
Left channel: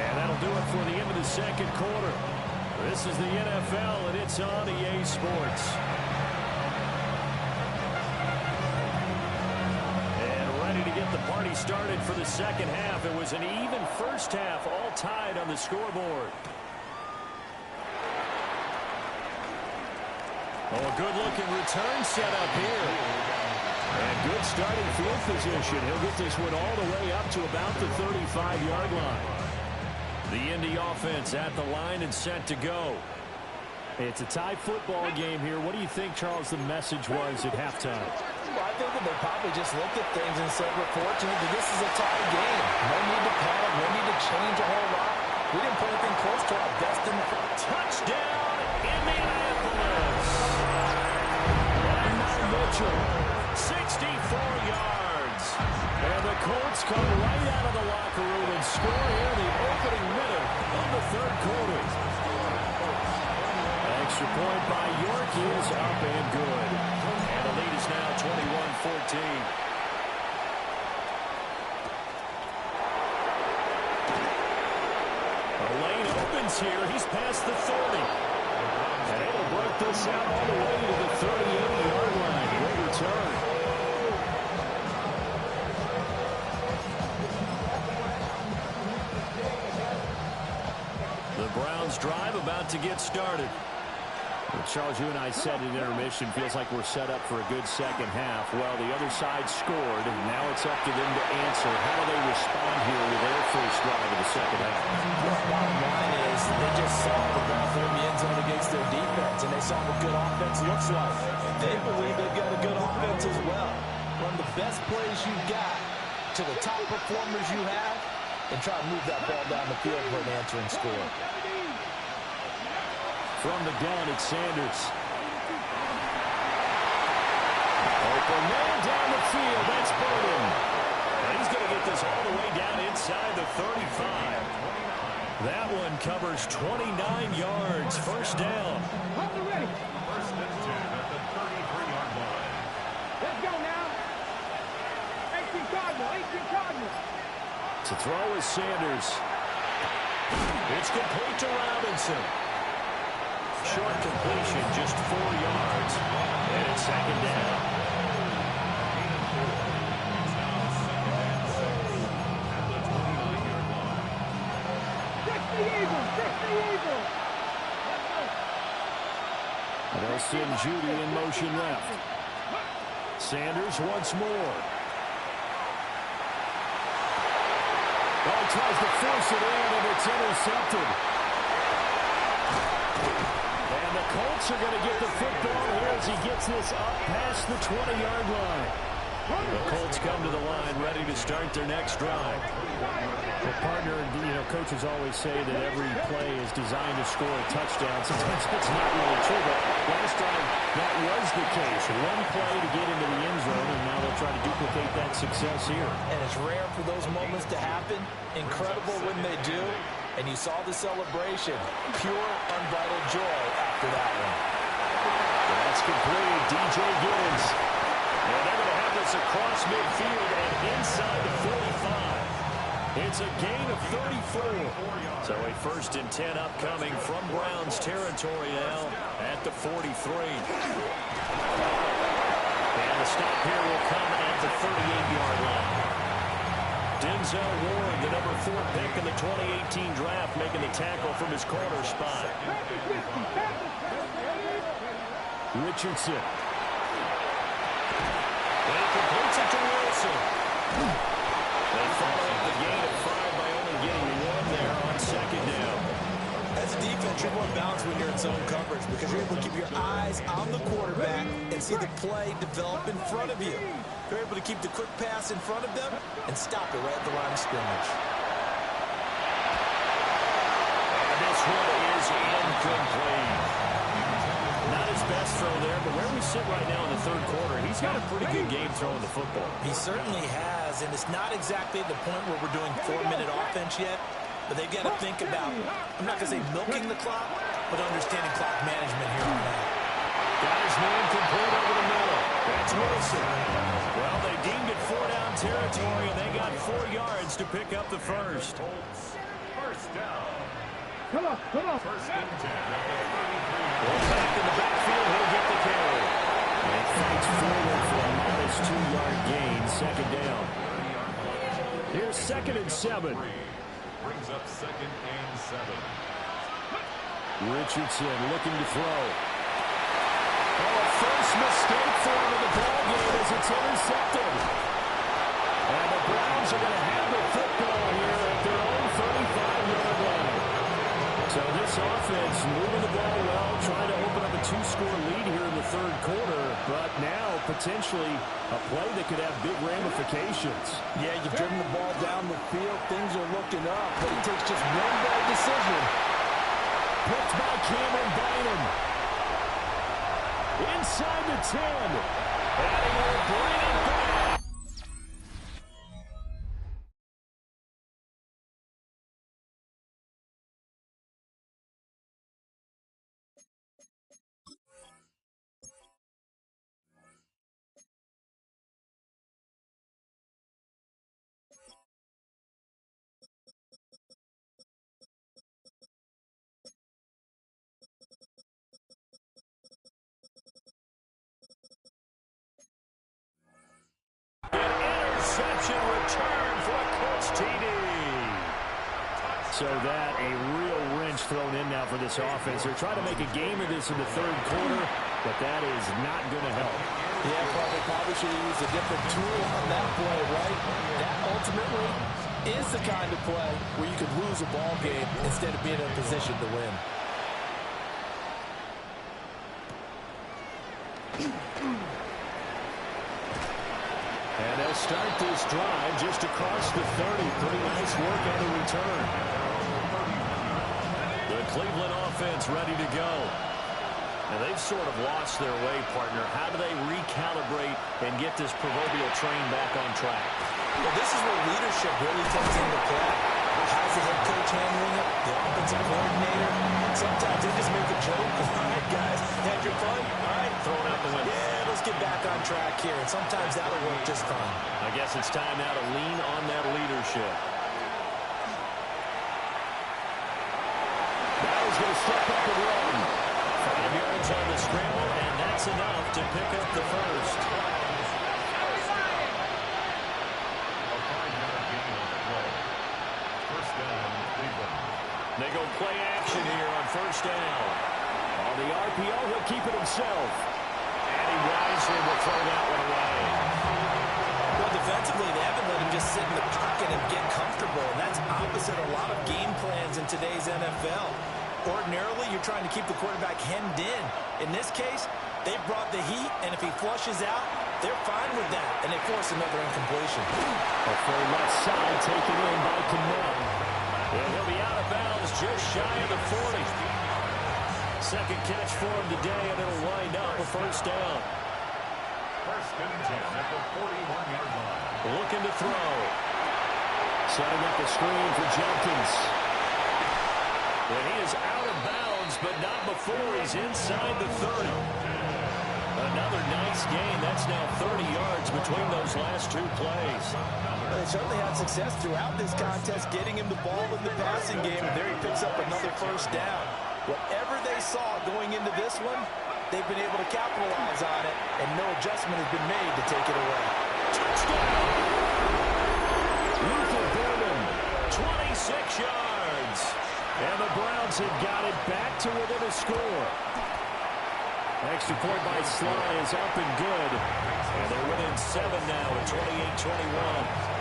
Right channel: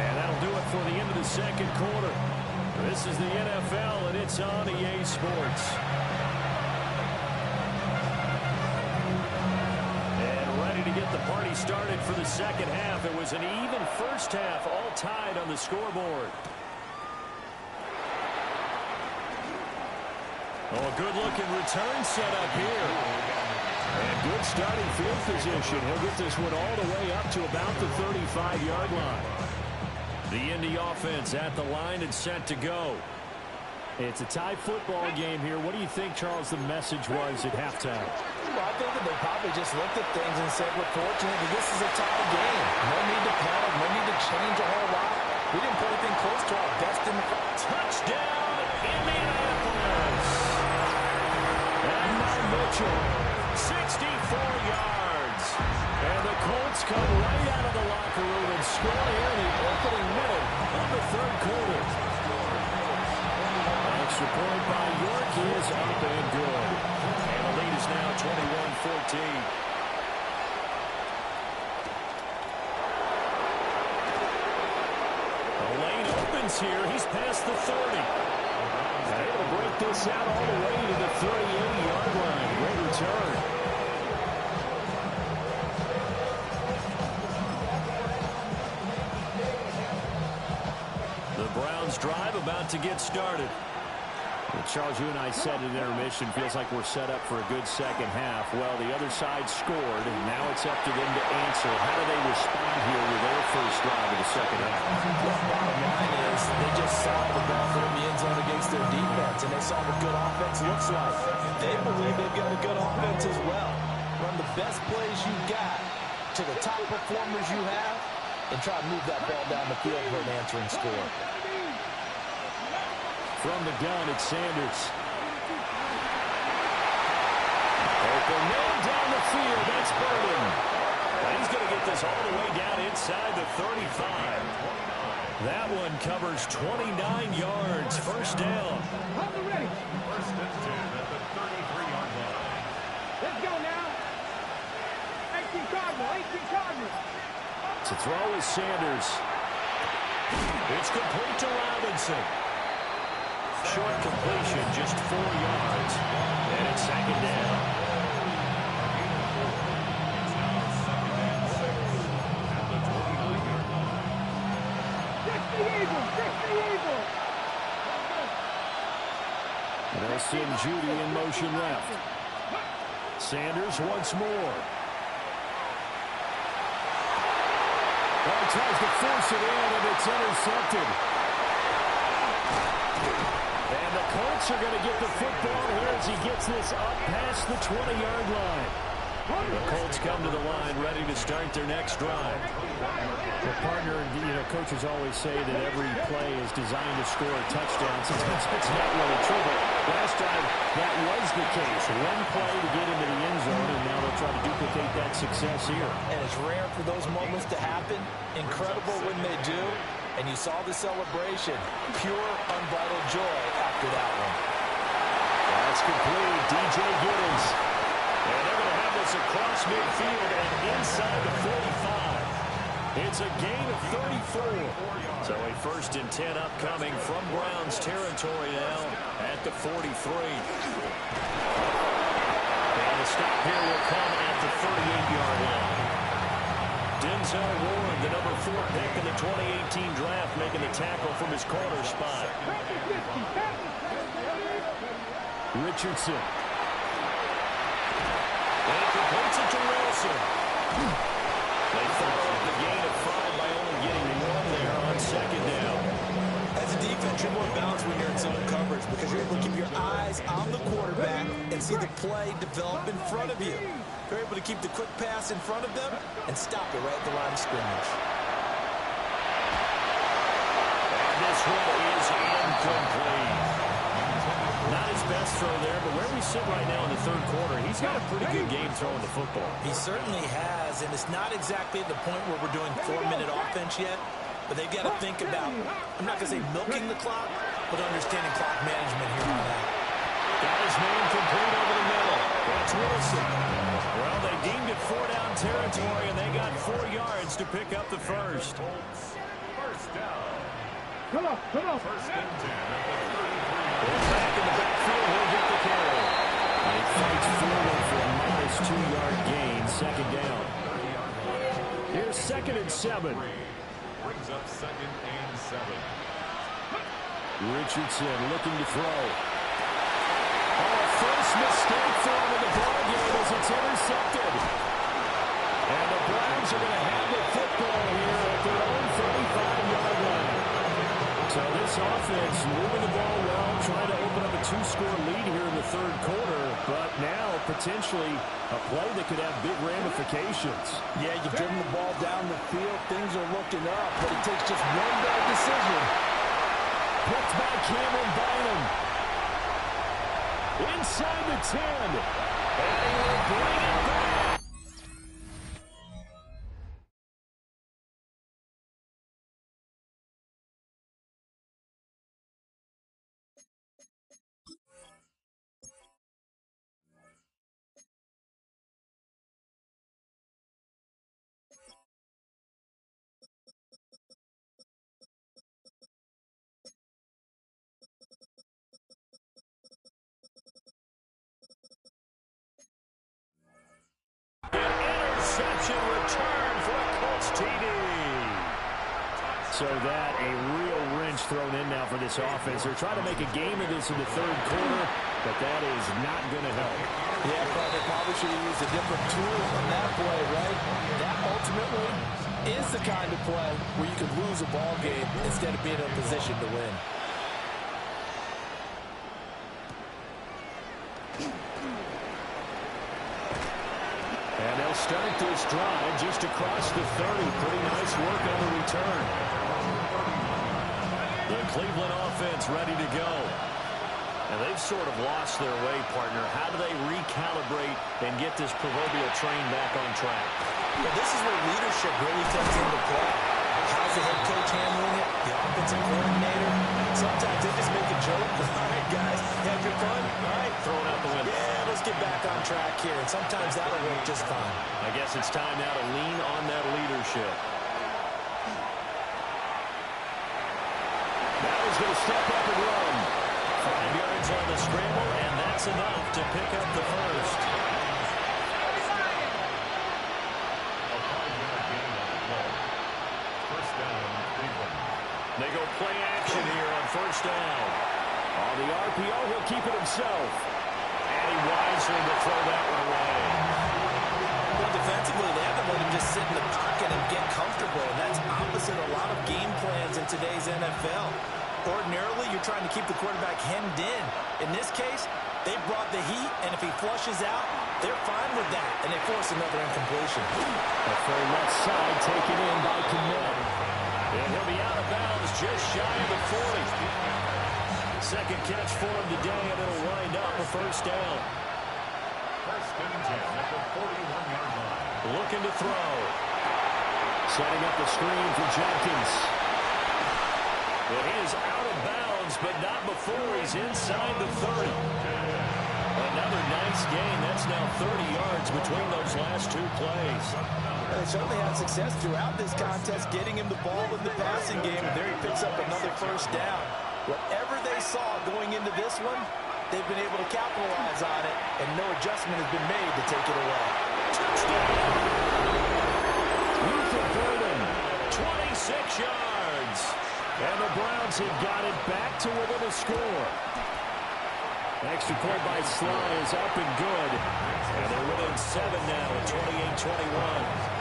And that'll do it for the end of the second quarter. This is the NFL, and it's on EA Sports. To get the party started for the second half. It was an even first half, all tied on the scoreboard. Oh, a good-looking return set up here. And good starting field position. He'll get this one all the way up to about the 35-yard line. The Indy offense at the line and set to go. It's a tie football game here. What do you think, Charles, the message was at halftime? Well, I think that they probably just looked at things and said, we're fortunate that this is a tie game. No need to panic. No need to change a whole lot. We didn't put anything close to our best in the front. Touchdown, Indianapolis. And now Mitchell, 64 yards. And the Colts come right out of the locker room and score here in the opening minute of the third quarter. Extra point by York is up and good. And the lead is now 21-14. A lane opens here. He's past the 30. And able to break this out all the way to the 30-80-yard line. Great return. The Browns drive about to get started. Well, Charles, you and I said at intermission, feels like we're set up for a good second half. Well, the other side scored, and now it's up to them to answer. How do they respond here with their first drive of the second half? Well, bottom line is they just saw the ball go in the end zone against their defense, and they saw what good offense looks like. They believe they've got a good offense as well. Run the best plays you've got to the top performers you have, and try to move that ball down the field for an answering score. From the gun, it's Sanders. Open man down the field. That's Burden. And he's going to get this all the way down inside the 35. That one covers 29 yards. First down. Hold it ready. First and 10 at the 33-yard line. Let's go now. 18 Cardinal, 18 Cardinal. To throw is Sanders. It's complete to Robinson. Short completion, just 4 yards. And it's second down. It's now second and 6 at the 29-yard line. Fix the Eagles, fix the Eagles. And they'll send Judy in motion left. Sanders once more. Oh, he tries to force it in, and it's intercepted. And the Colts are going to get the football here as he gets this up past the 20-yard line. The Colts come to the line ready to start their next drive. Well, partner, coaches always say that every play is designed to score a touchdown. Sometimes that's not really true, but last drive that was the case. One play to get into the end zone, and now they'll try to duplicate that success here. And it's rare for those moments to happen. Incredible when they do. And you saw the celebration. Pure, unbridled joy after that one. That's complete. DJ Giddens. And they're going to have this across midfield and inside the 45. It's a gain of 34. So a first and 10 upcoming from Browns territory now at the 43. And the stop here will come at the 38-yard line. Denzel Ward, the number 4 pick in the 2018 draft, making the tackle from his corner spot. Richardson. And he completes it to Wilson. They follow up the gain of 5 by only getting 1 there on second down. As a defense, you're more balanced when you're in zone coverage because you're able to keep your eyes on the quarterback and see the play develop in front of you. They're able to keep the quick pass in front of them and stop it right at the line of scrimmage. this one is incomplete. Not his best throw there, but where we sit right now in the third quarter, he's got a pretty good game throwing the football. He certainly has, and it's not exactly the point where we're doing 4-minute offense yet, but they've got to think about, I'm not going to say milking the clock, but understanding clock management here on out. Got his man complete over the middle. That's Wilson. Well, they deemed it 4-down territory, and they got 4 yards to pick up the first. First down. Come on. First and 10 at the 33. Back in the backfield, he'll get the carry. He fights forward for a modest 2-yard gain, second down. 30-yard line. Here's 2nd and 7. Brings up 2nd and 7. Richardson looking to throw. Oh, a first mistake for him in the ballgame as it's intercepted. And the Browns are going to have the football here at their own 35-yard line. So this offense moving the ball well, trying to open up a 2-score lead here in the third quarter, but now potentially a play that could have big ramifications. Yeah, you've driven the ball down the field. Things are looking up, but it takes just one bad decision. Picked by Cameron Bynum. Inside the 10. And he will bring it back. Interception return for a Colts TD. So that a real wrench thrown in now for this offense. They're trying to make a game of this in the third quarter, but that is not going to help. Yeah, but they probably should have used a different tool on that play, right? That ultimately is the kind of play where you could lose a ball game instead of being in a position to win. And they'll start this drive just across the 30. Pretty nice work on the return. The Cleveland offense ready to go. And they've sort of lost their way, partner. How do they recalibrate and get this proverbial train back on track? Well, this is where leadership really comes into play. How's the head coach handling it? The offensive coordinator? Sometimes they just make a joke. All right, guys, you had your fun? All right. Throw it out the window. Yeah, let's get back on track here. And sometimes that'll work just fine. I guess it's time now to lean on that leadership. Now he's going to step up and run. 5 yards on the scramble, and that's enough to pick up the first. A 5-yard gain on the play. First down, Cleveland. They go play action here on first down. On the RPO, he'll keep it himself. And he wisely will throw that one away. Well, defensively, they haven't let him just sit in the pocket and get comfortable, and that's opposite a lot of game plans in today's NFL. Ordinarily, you're trying to keep the quarterback hemmed in. In this case, they brought the heat, and if he flushes out, they're fine with that, and they force another incompletion. A full left side taken in by Kmet. And he'll be out of bounds just shy of the 40. Second catch for him today, and it'll wind up a first down. First and 10 at the 41-yard line. Looking to throw. Setting up the screen for Jenkins. And he is out of bounds, but not before he's inside the 30. Another nice gain. That's now 30 yards between those last two plays. They certainly had success throughout this contest getting him the ball in the passing game, and there he picks up another first down. Whatever they saw going into this one, they've been able to capitalize on it, and no adjustment has been made to take it away. Touchdown! Luther Burden, 26 yards. And the Browns have got it back to within a score. Extra point by Sly is up and good. And they're within 7 now at 28-21.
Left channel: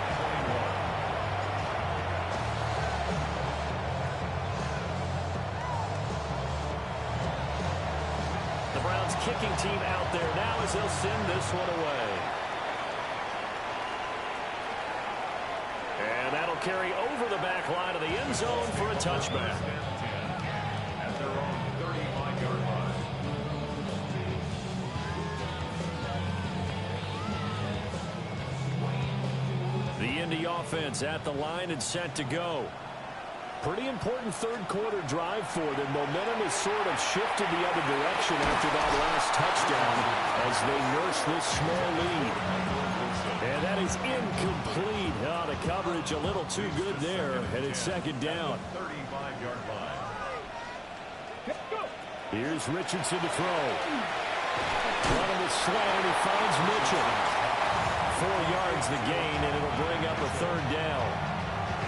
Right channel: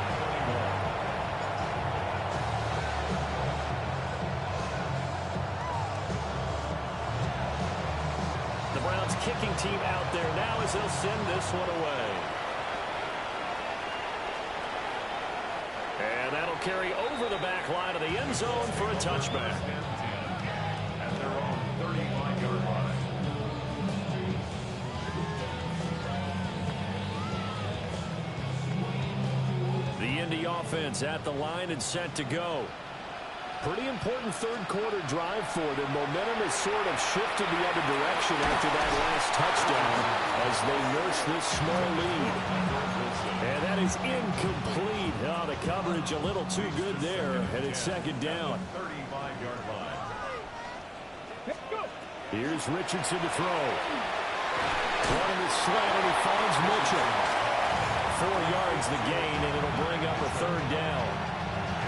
The Browns kicking team out there now as they'll send this one away. And that'll carry over the back line of the end zone for a touchback. Indy offense at the line and set to go. Pretty important third quarter drive for them. Momentum has sort of shifted the other direction after that last touchdown as they nurse this small lead. And that is incomplete. Oh, the coverage a little too good there, and it's second down. 35-yard line. Here's Richardson to throw. Running the slant, and he finds Mitchell. 4 yards the gain, and it'll bring up a third down.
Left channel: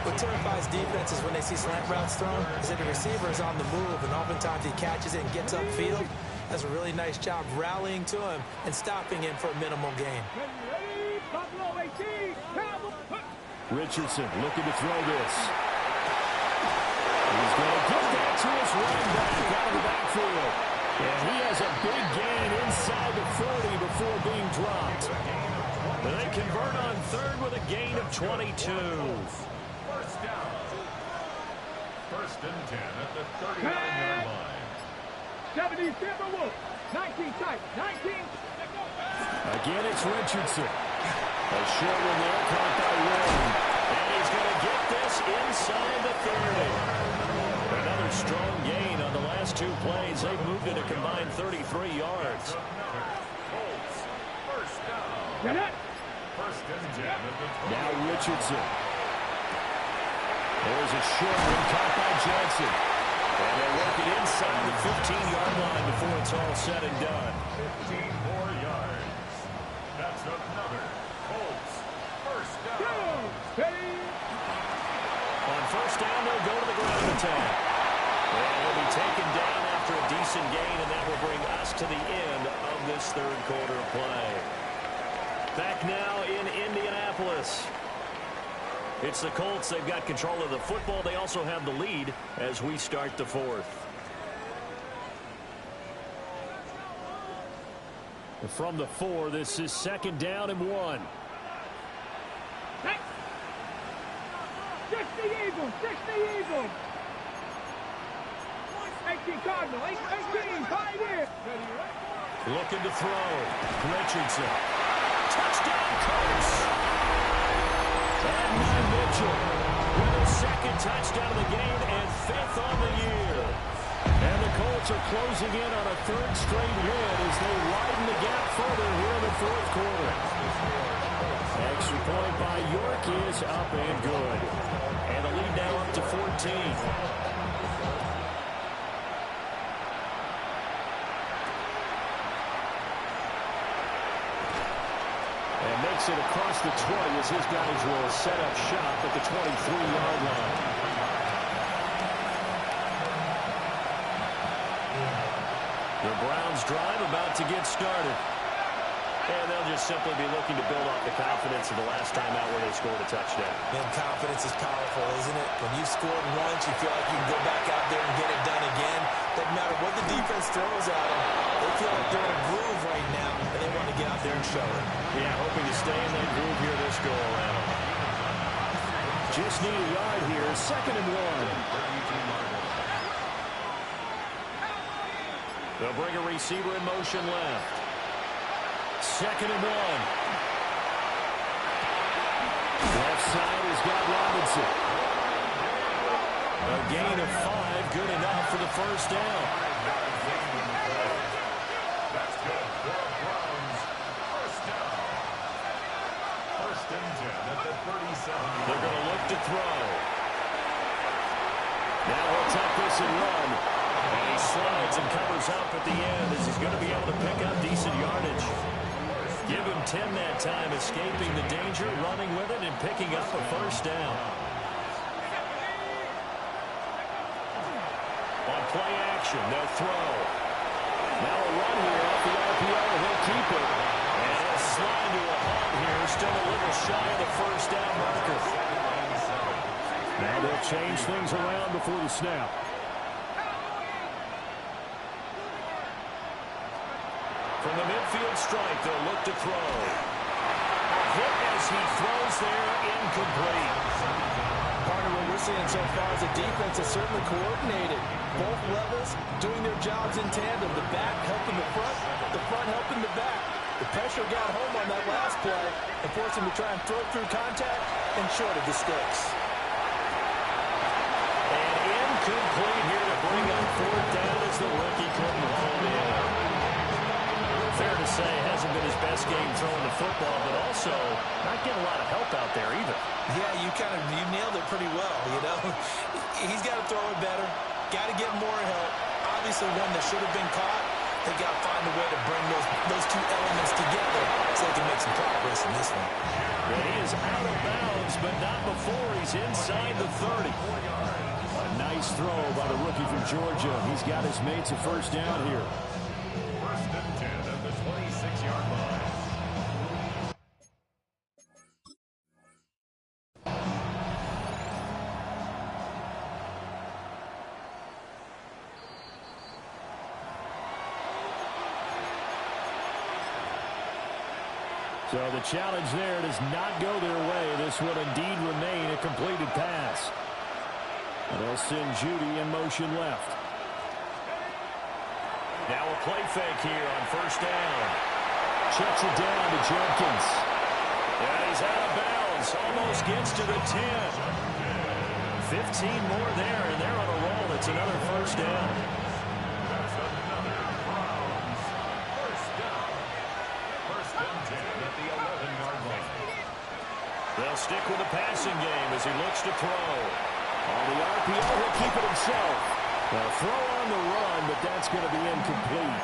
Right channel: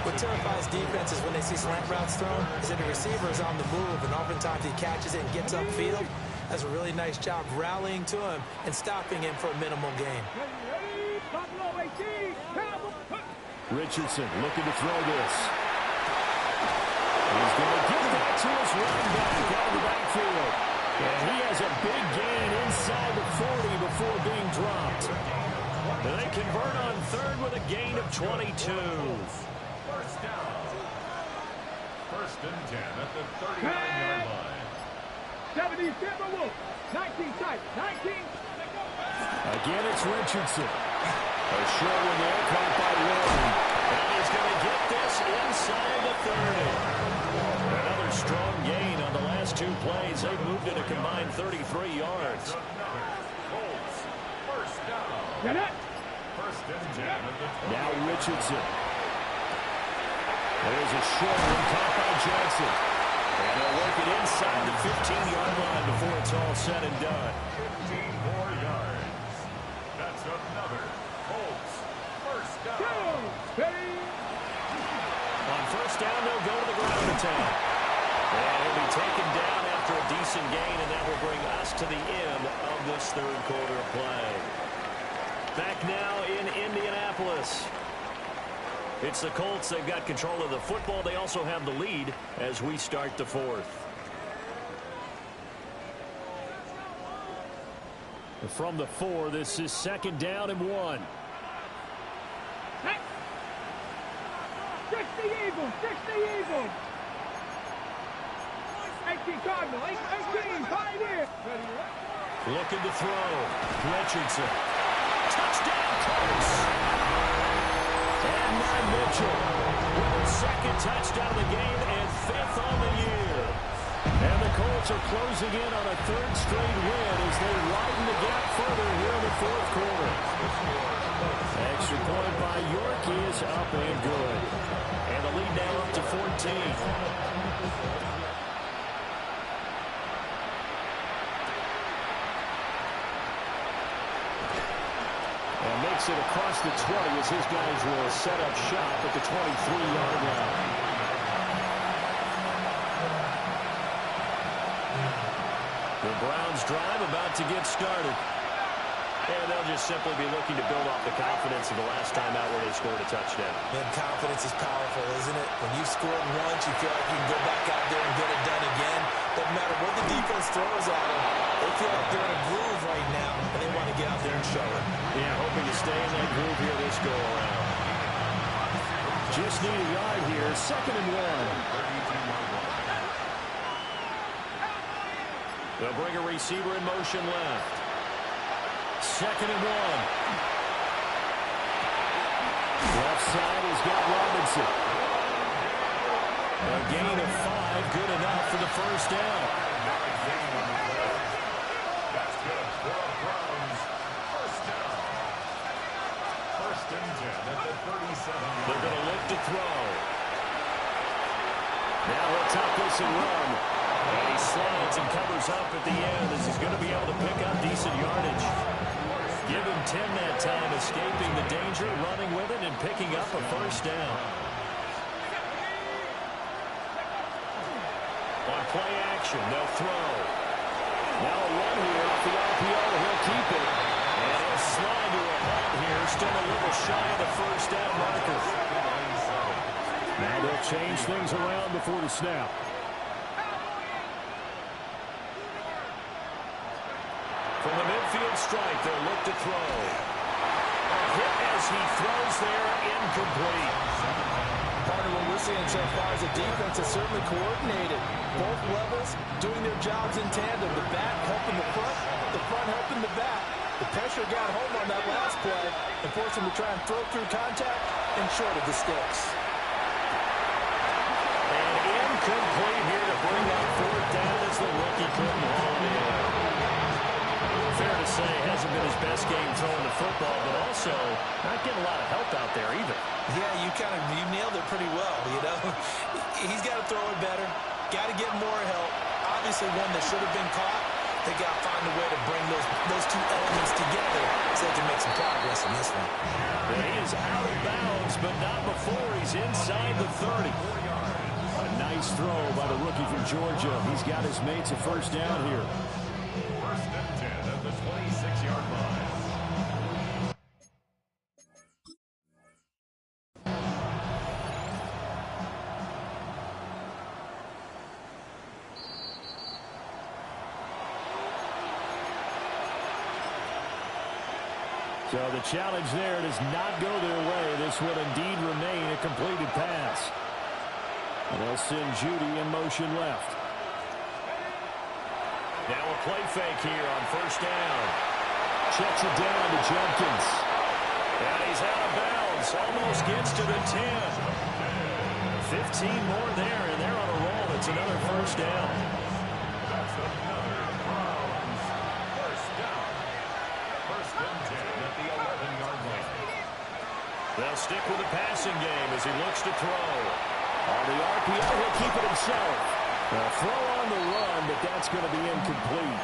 What terrifies defenses when they see slant routes thrown is that the receiver is on the move, and oftentimes he catches it and gets upfield. Does a really nice job rallying to him and stopping him for a minimal gain. Richardson looking to throw this. He's going to get that to his running back out of the backfield. And he has a big gain inside the 40 before being dropped. And they convert on third with a gain of 22. First down. First and 10 at the 39-yard line. 70 Timberwolves. 19 tight. 19. Again, it's Richardson. A short one there, caught by Warren. And he's going to get this inside the 30. Another strong gain on the last 2 plays. They've moved it a combined 33 yards. Colts. First down. Get it. First and 10 at the 20. Now Richardson. There's a short one caught by Johnson. And they'll work it inside the 15-yard line before it's all said and done. 15 more yards. That's another Colts first down. On first down, they'll go to the ground attack. And he'll be taken down after a decent gain, and that will bring us to the end of this third quarter of play. Back now in Indianapolis. It's the Colts. They've got control of the football. They also have the lead as we start the fourth. From the 4, this is second down and 1. 60 Eagles. 60 Eagles. 18 Cardinal. 18. Pioneer. Looking to throw. Richardson. Touchdown, Colts. And now Mitchell with his second touchdown of the game and 5th on the year. And the Colts are closing in on a 3rd straight win as they widen the gap further here in the 4th quarter. Extra point by York is up and good. And the lead now up to 14. And makes it across the 20 as his guys will set up shop at the 23-yard line. The Browns drive about to get started. And they'll just simply be looking to build off the confidence of the last time out where they scored a touchdown. Man, confidence is powerful, isn't it? When you've scored once, you feel like you can go back out there and get it done again. Doesn't matter what the defense throws at them. They feel like they're in a groove right now, and they want to get out there and show it. Yeah, hoping to stay in that groove here this go-around. Just need a yard here. Second and 1. They'll bring a receiver in motion left. Second and 1. Left side has got Robinson. A gain of 5, good enough for the first down. That's good for Browns. First down. First and 10 at the 37. They're going to look to throw. Now he'll tuck this and run. And he slides and covers up at the end as he's going to be able to pick up decent yardage. Give him 10 that time, escaping the danger, running with it, and picking up a first down. On play action, they'll throw. Now a run here off the RPO. He'll keep it. And he'll slide to a halt here, still a little shy of the first down marker. Now they'll change things around before the snap. From the midfield stripe, they'll look to throw. A hit as he throws there, incomplete. Partner, what we're seeing so far is the defense is certainly coordinated. Both levels doing their jobs in tandem. The back helping the front helping the back. The pressure got home on that last play and forced him to try and throw through contact and short of the sticks. And incomplete here to bring up fourth down as the rookie couldn't haul it in. Fair to say, hasn't been his best game throwing the football, but also not getting a lot of help out there either. Yeah, you nailed it pretty well, you know. He's got to throw it better, got to get more help. Obviously one that should have been caught. They got to find a way to bring those two elements together so they can make some progress in this one. And he is out of bounds, but not before he's inside the 30. A nice throw by the rookie from Georgia. He's got his mates a first down here. First and 10 at the 26-yard line. So the challenge there does not go their way. This will indeed remain a completed pass. And they'll send Judy in motion left. Now a play fake here on first down. Checks it down to Judkins. And he's out of bounds. Almost gets to the 10. 15 more there, and they're on a roll. It's another first down. That's another Browns first down. First and 10 at the 11-yard line. They'll stick with the passing game as he looks to throw. On the RPO, he'll keep it himself. A throw on the run, but that's going to be incomplete.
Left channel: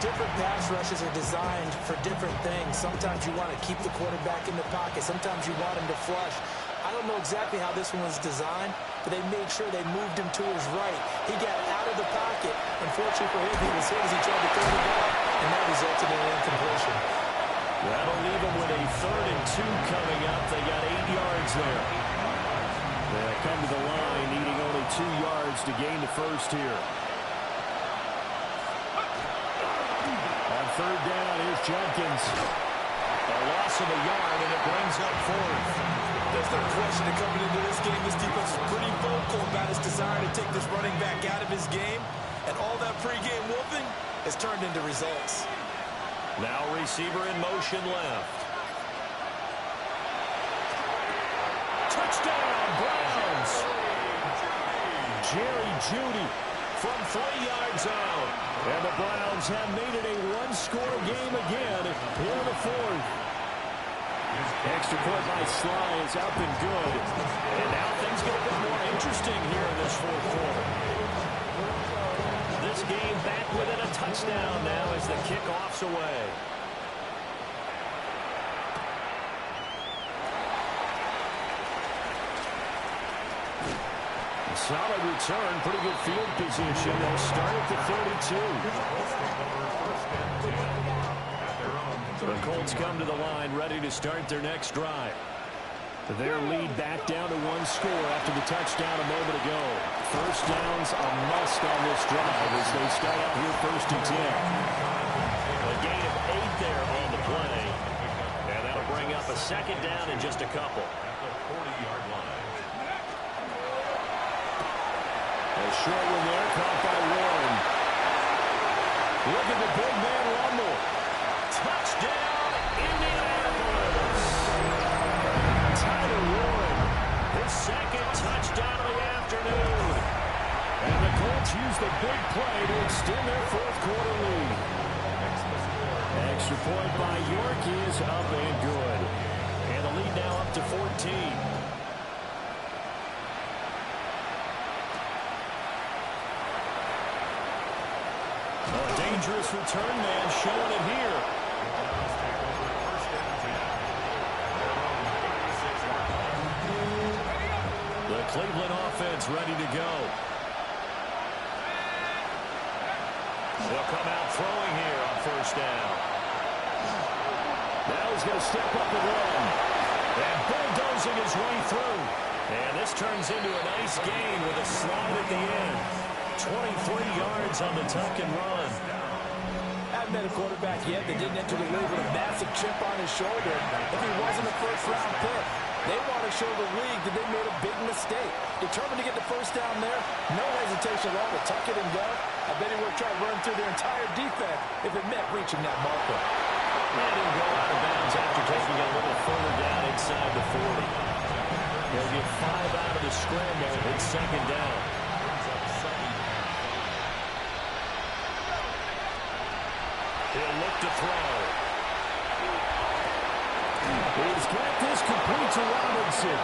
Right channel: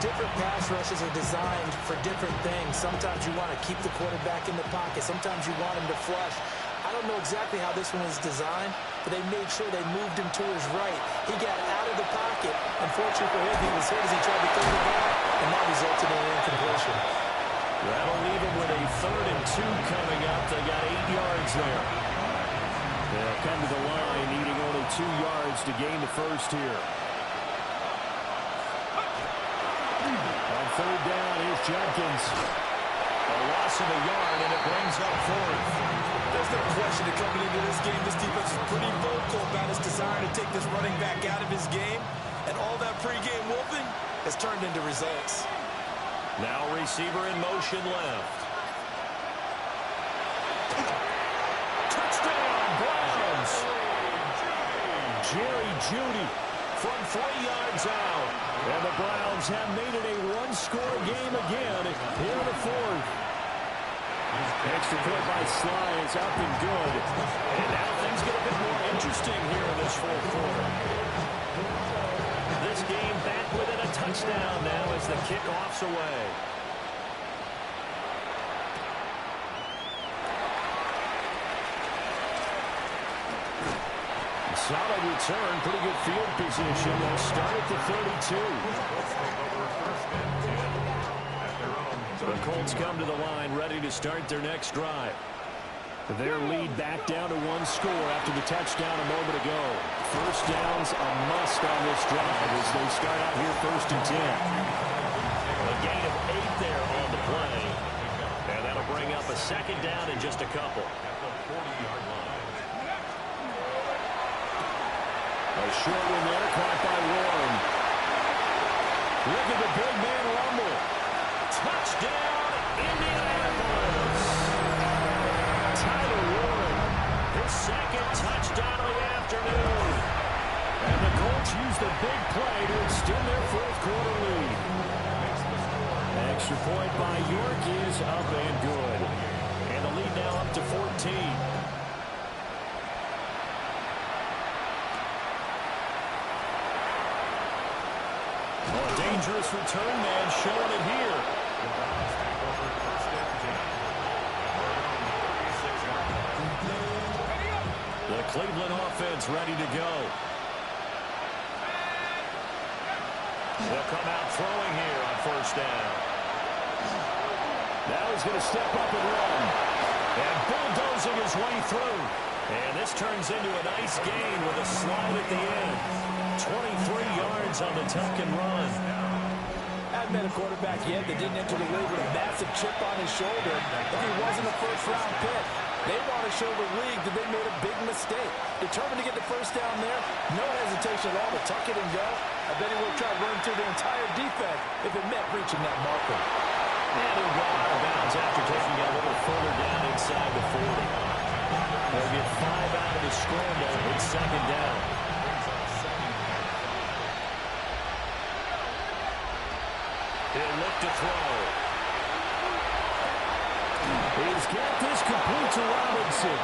Different pass rushes are designed for different things. Sometimes you want to keep the quarterback in the pocket. Sometimes you want him to flush. I don't know exactly how this one was designed, but they made sure they moved him to his right. He got out of the pocket. Unfortunately for him, he was hit as he tried to throw the ball, and that resulted in an incompletion. That'll leave him with a 3rd and 2 coming up. They got 8 yards there. They'll come to the line, needing only 2 yards to gain the first here. On 3rd down, here's Judkins. A loss of a yard, and it brings up 4th. There's no question that coming into this game, this defense is pretty vocal about its desire to take this running back out of his game, and all that pregame wolfing has turned into results. Now receiver in motion left. Touchdown, Browns. Jerry Jeudy from 3 yards out. And the Browns have made it a one-score game again here in the 4th. Extra point by Sly is up and good. And now things get a bit more interesting here in this 4th quarter. This game back within a touchdown now as the kickoff's away. Solid return, pretty good field position. They'll start at the 32. The Colts come to the line, ready to start their next drive. Their lead back down to 1 score after the touchdown a moment ago. First down's a must on this drive as they start out here 1st and 10. A gain of 8 there on the play. And that'll bring up a 2nd down in just a couple. At the 40-yard line. A short one there, caught by Warren. Look at the big man rumble. Touchdown, Indianapolis. Tyler Warren, his 2nd touchdown of the afternoon. And the Colts use the big play to extend their 4th quarter lead. Extra point by York is up and good. And the lead now up to 14. Oh, a dangerous return man showing it here. The Browns take over 1st and 10 at their own 36-yard line. The Cleveland offense ready to go. They'll come out throwing here on 1st down. Now he's going to step up and run. And bulldozing his way through. And this turns into a nice gain with a slide at the end. 23 yards on the tuck and run. Haven't met a quarterback yet that didn't enter the league with a massive chip on his shoulder. If he wasn't a 1st-round pick, they want to show the league that they made a big mistake. Determined to get the 1st down there, no hesitation at all to tuck it and go. I bet he would have tried running through their entire defense if it meant reaching that marker. And he'll go out of bounds after taking it a little further down inside the 40. He'll get 5 out of the scramble. It's second down. He'll look to throw. He's got this complete to Robinson.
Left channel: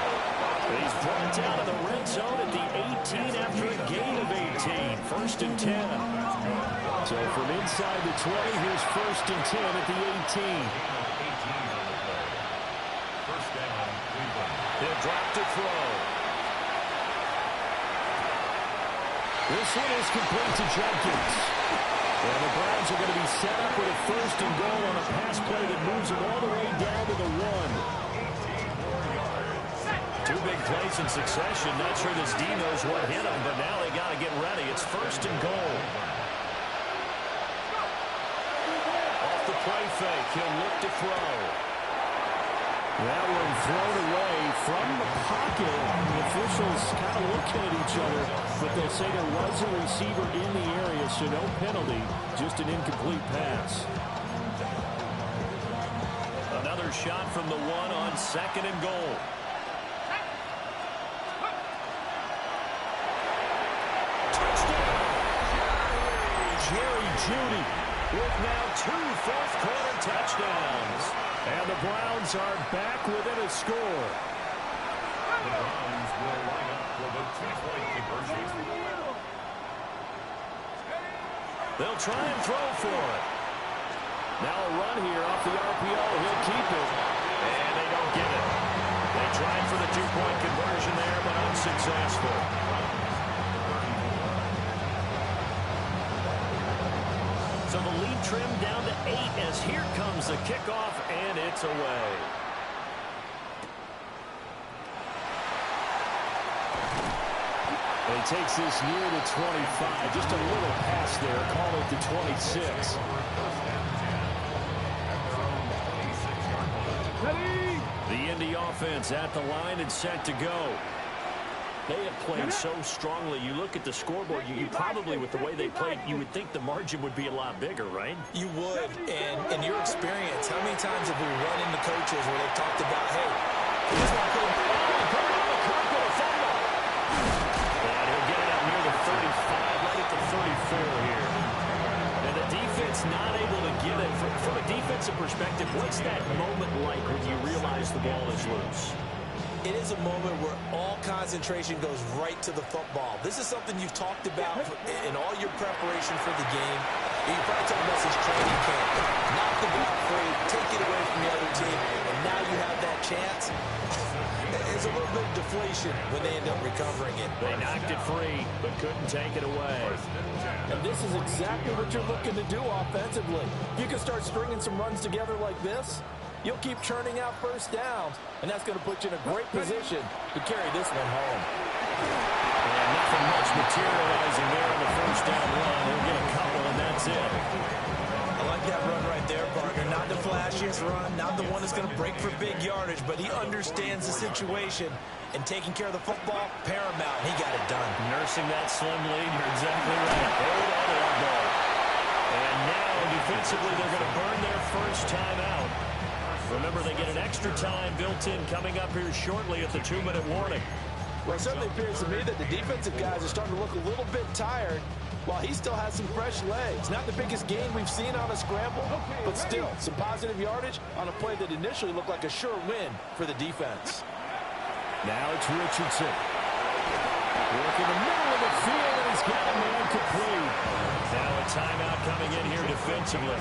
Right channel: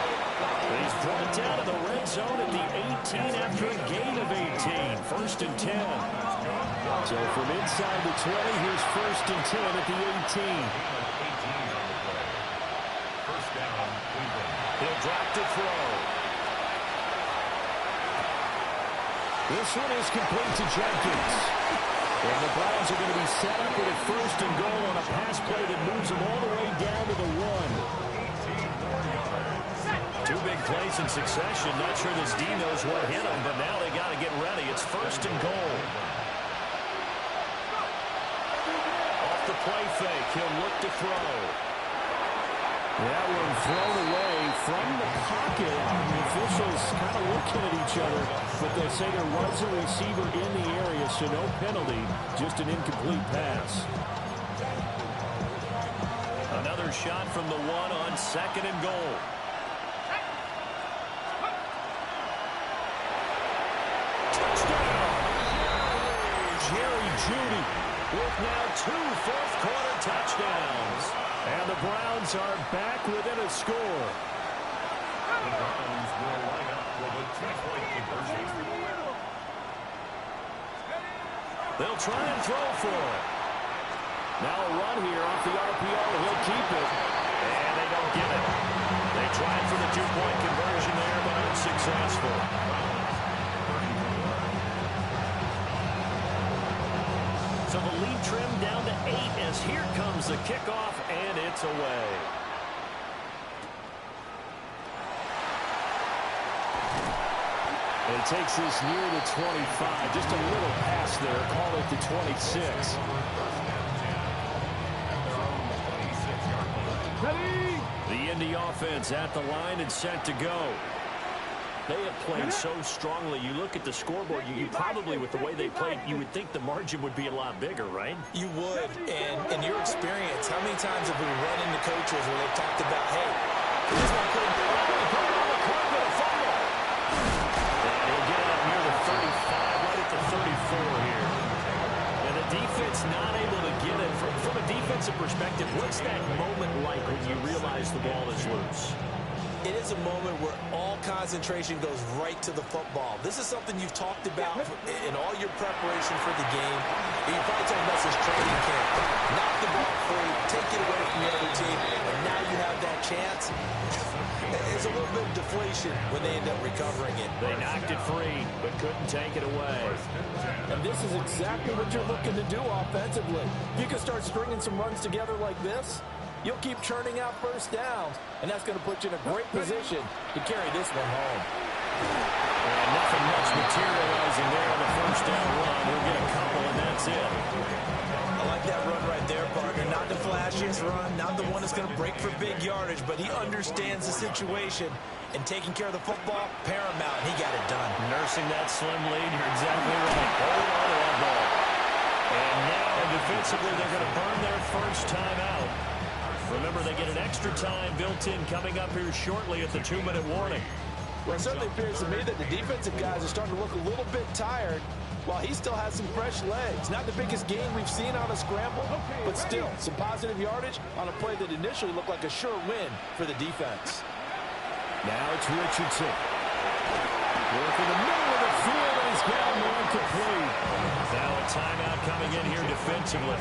He's brought down to the red zone at the 18 after a gain of 18. First and 10. So from inside the 20, here's first and 10 at the 18. First down, Cleveland. He'll drop to throw. This one is complete to Judkins. And the Browns are going to be set up with a first and goal on a pass play that moves them all the way down to the 1. 2 big plays in succession. Not sure this D knows what hit them, but now they got to get ready. It's first and goal. Off the play fake, he'll look to throw. That one thrown away from the pocket. The officials kind of looking at each other, but they'll say there was a receiver in the area, so no penalty, just an incomplete pass. Another shot from the 1 on second and goal. Touchdown! Jerry Jeudy with now 2 fourth-quarter touchdowns. And the Browns are back within a score. The Browns will line up for the 2-point conversion. They'll try and throw for it. Now a run here off the RPO. He'll keep it. And they don't get it. They tried for the 2-point conversion there, but unsuccessful. So the lead trimmed down to 8 as here comes the kickoff, and it's away. And he takes this near the 25. Just a little pass there. Call it the 26. The Indy offense at the line and set to go. They have played so strongly. You look at the scoreboard, you probably, with the way they played, you would think the margin would be a lot bigger, right? You would. And in your experience, how many times have we run into coaches where they've talked about, hey, this one couldn't be on the carpet, a fumble. And he'll get it up near the 35, right at the 34 here. And the defense not able to get it. From a defensive perspective, what's that moment like when you realize the ball is loose? It is a moment where all concentration goes right to the football. This is something you've talked about in all your preparation for the game. You're probably talking about since training camp. Knock the ball free, take it away from the other team, and now you have that chance. There's a little bit of deflation when they end up recovering it. They knocked it free, but couldn't take it away. And this is exactly what you're looking to do offensively. You can start stringing some runs together like this. You'll keep churning out first downs, and that's going to put you in a great position to carry this one home. And nothing much materializing there on the first down run. He'll get a couple, and that's it. I like that run right there, partner. Not the flashiest run, not the one that's going to break for big yardage, but he understands the situation, and taking care of the football, paramount. He got it done. Nursing that slim lead, you're exactly right. Hold on to that ball. And now, defensively, they're going to burn their first time out. Remember, they get an extra time built in coming up here shortly at the 2-minute warning. Well, it certainly appears to me that the defensive guys are starting to look a little bit tired while he still has some fresh legs. Not the biggest gain we've seen on a scramble, but still some positive yardage on a play that initially looked like a sure win for the defense. Now it's Richardson. Working the middle of the field, and he's got a man complete. Now a timeout coming in here defensively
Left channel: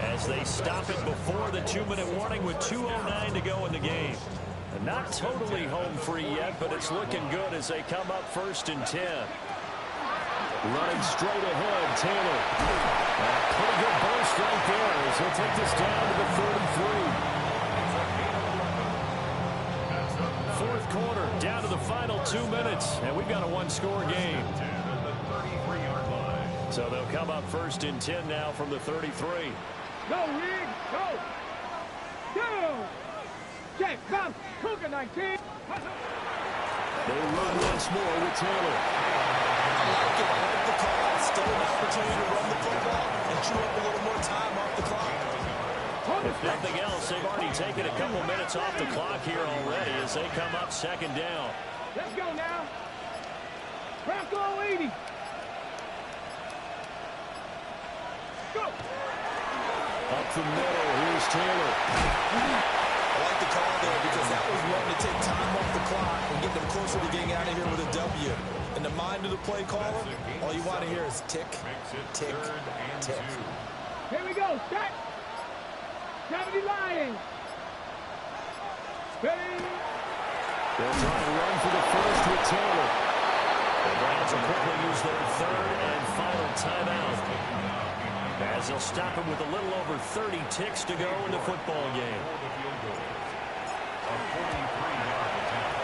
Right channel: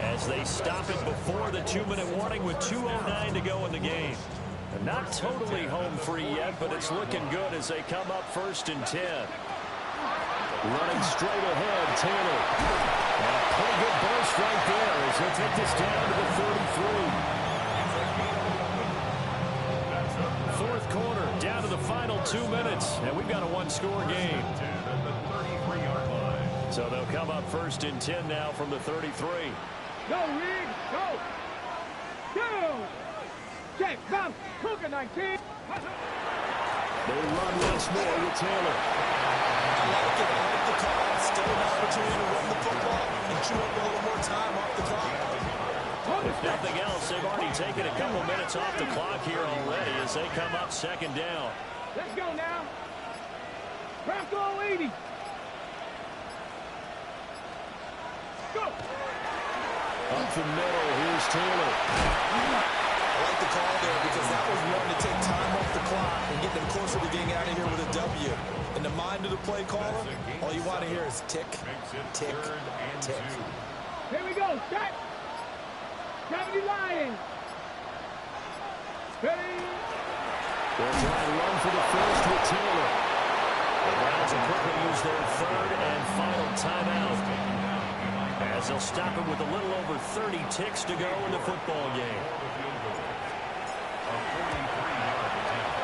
as they stop it before the 2-minute warning with 2:09 to go in the game. And not totally home free yet, but it's looking good as they come up first and 10. Running straight ahead, Taylor. And a pretty good burst right there as he'll take this down to the 33. Fourth quarter, down to the final 2 minutes, and we've got a one-score game. So they'll come up first and 10 now from the 33. Go, Reed, go! Go! Check, come, Cougar 19. They run once more with Taylor. I like it. I like the call. Still an opportunity to run the football and chew up a little more time off the clock. If nothing else, they've already taken a couple minutes off the clock here already as they come up second down. Let's go now. Bronco 80. Go. Up the middle, here's Taylor. I like the call there because that was one to take time off the clock and get them closer to getting out of here with a W. In the mind of the play caller, all you want to hear is tick, tick, tick. Here we go. Shot. 70 Lions. Ready. They'll try and run for the first with Taylor. The Browns will quickly use their third and final timeout as they'll stop him with a little over 30 ticks to go in the football game.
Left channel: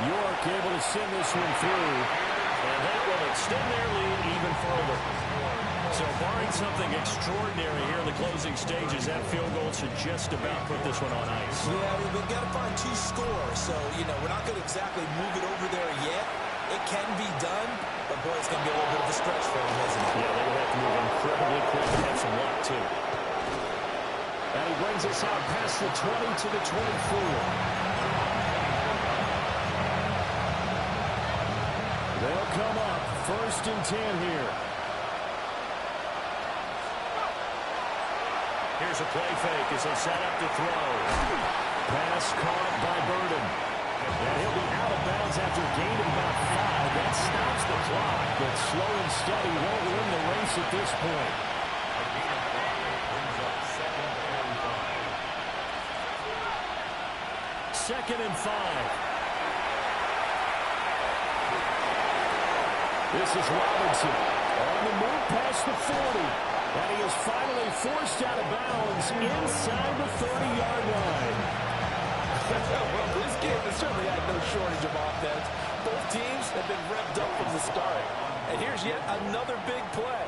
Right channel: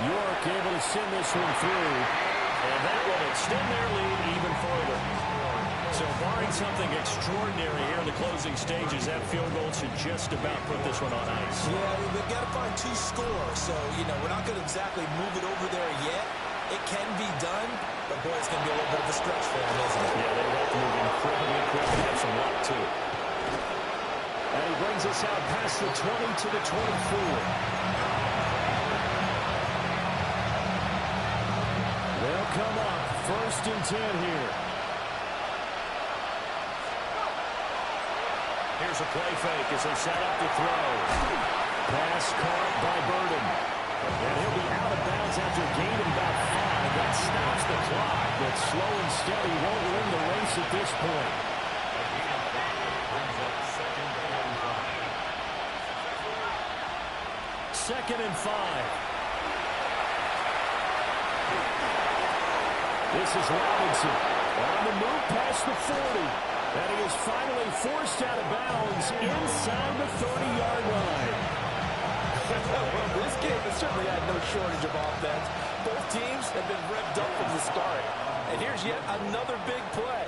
York able to send this one through, and that will extend their lead even further. So barring something extraordinary here in the closing stages, that field goal should just about put this one on ice. Yeah, we've got to find 2 scores. So, you know, we're not going to exactly move it over there yet. It can be done, but, boy, it's going to be a little bit of a stretch for them, isn't it? Yeah, they would have to move incredibly quick and have some luck, too. And he brings us out past the 20 to the 24. They'll come up first and 10 here. Here's a play fake as they set up to throw. Pass caught by Burden. And he'll be out of bounds after gaining about 5. That stops the clock, but slow and steady won't win the race at this point. A gain of 5 brings up second and 5. Second and 5. This is Robinson on the move past the 40. And he is finally forced out of bounds inside the 30-yard line. Well, this game has certainly had no shortage of offense. Both teams have been revved up from the start. And here's yet another big play.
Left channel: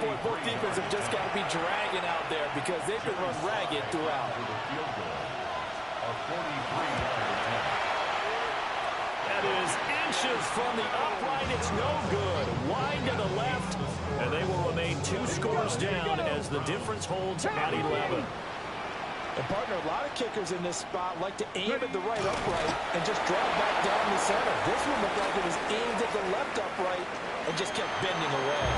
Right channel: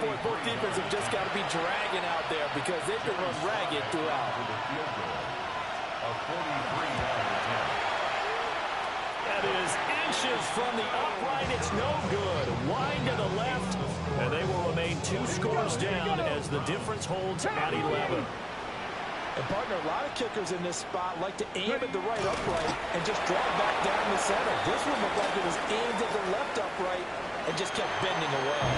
Boy, both defenses have just got to be dragging out there because they've been run ragged throughout. A 43-yard attempt. That is inches from the upright. It's no good. Wide to the left. And they will remain 2 scores down as the difference holds at 11. And, partner, a lot of kickers in this spot like to aim at the right upright and just drop back down the center. This one looked like it was aimed at the left upright and just kept bending away.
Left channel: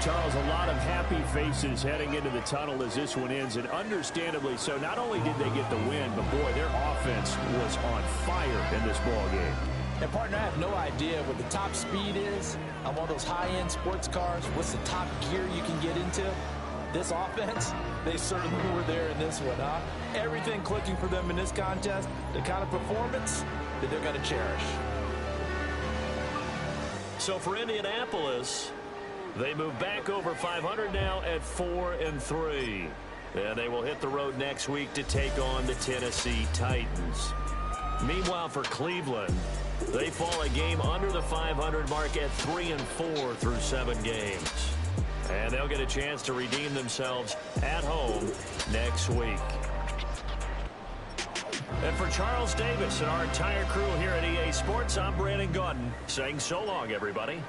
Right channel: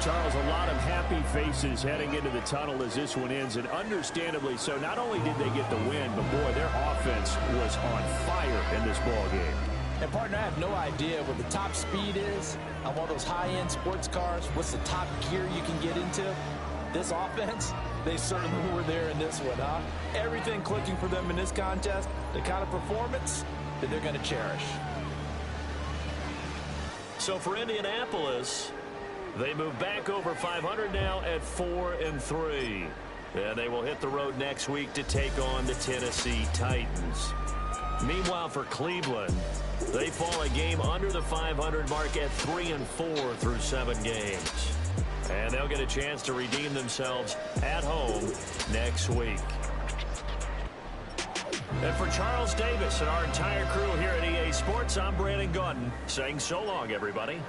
Charles, a lot of happy faces heading into the tunnel as this one ends, and understandably so. Not only did they get the win, but, boy, their offense was on fire in this ball game. And, partner, I have no idea what the top speed is on one of those high-end sports cars. What's the top gear you can get into? This offense, they certainly were there in this one, huh? Everything clicking for them in this contest, the kind of performance that they're going to cherish. So for Indianapolis, they move back over 500 now at 4-3. And they will hit the road next week to take on the Tennessee Titans. Meanwhile, for Cleveland, they fall a game under the 500 mark at 3-4 through 7 games. And they'll get a chance to redeem themselves at home next week. And for Charles Davis and our entire crew here at EA Sports, I'm Brandon Gaudin saying so long, everybody.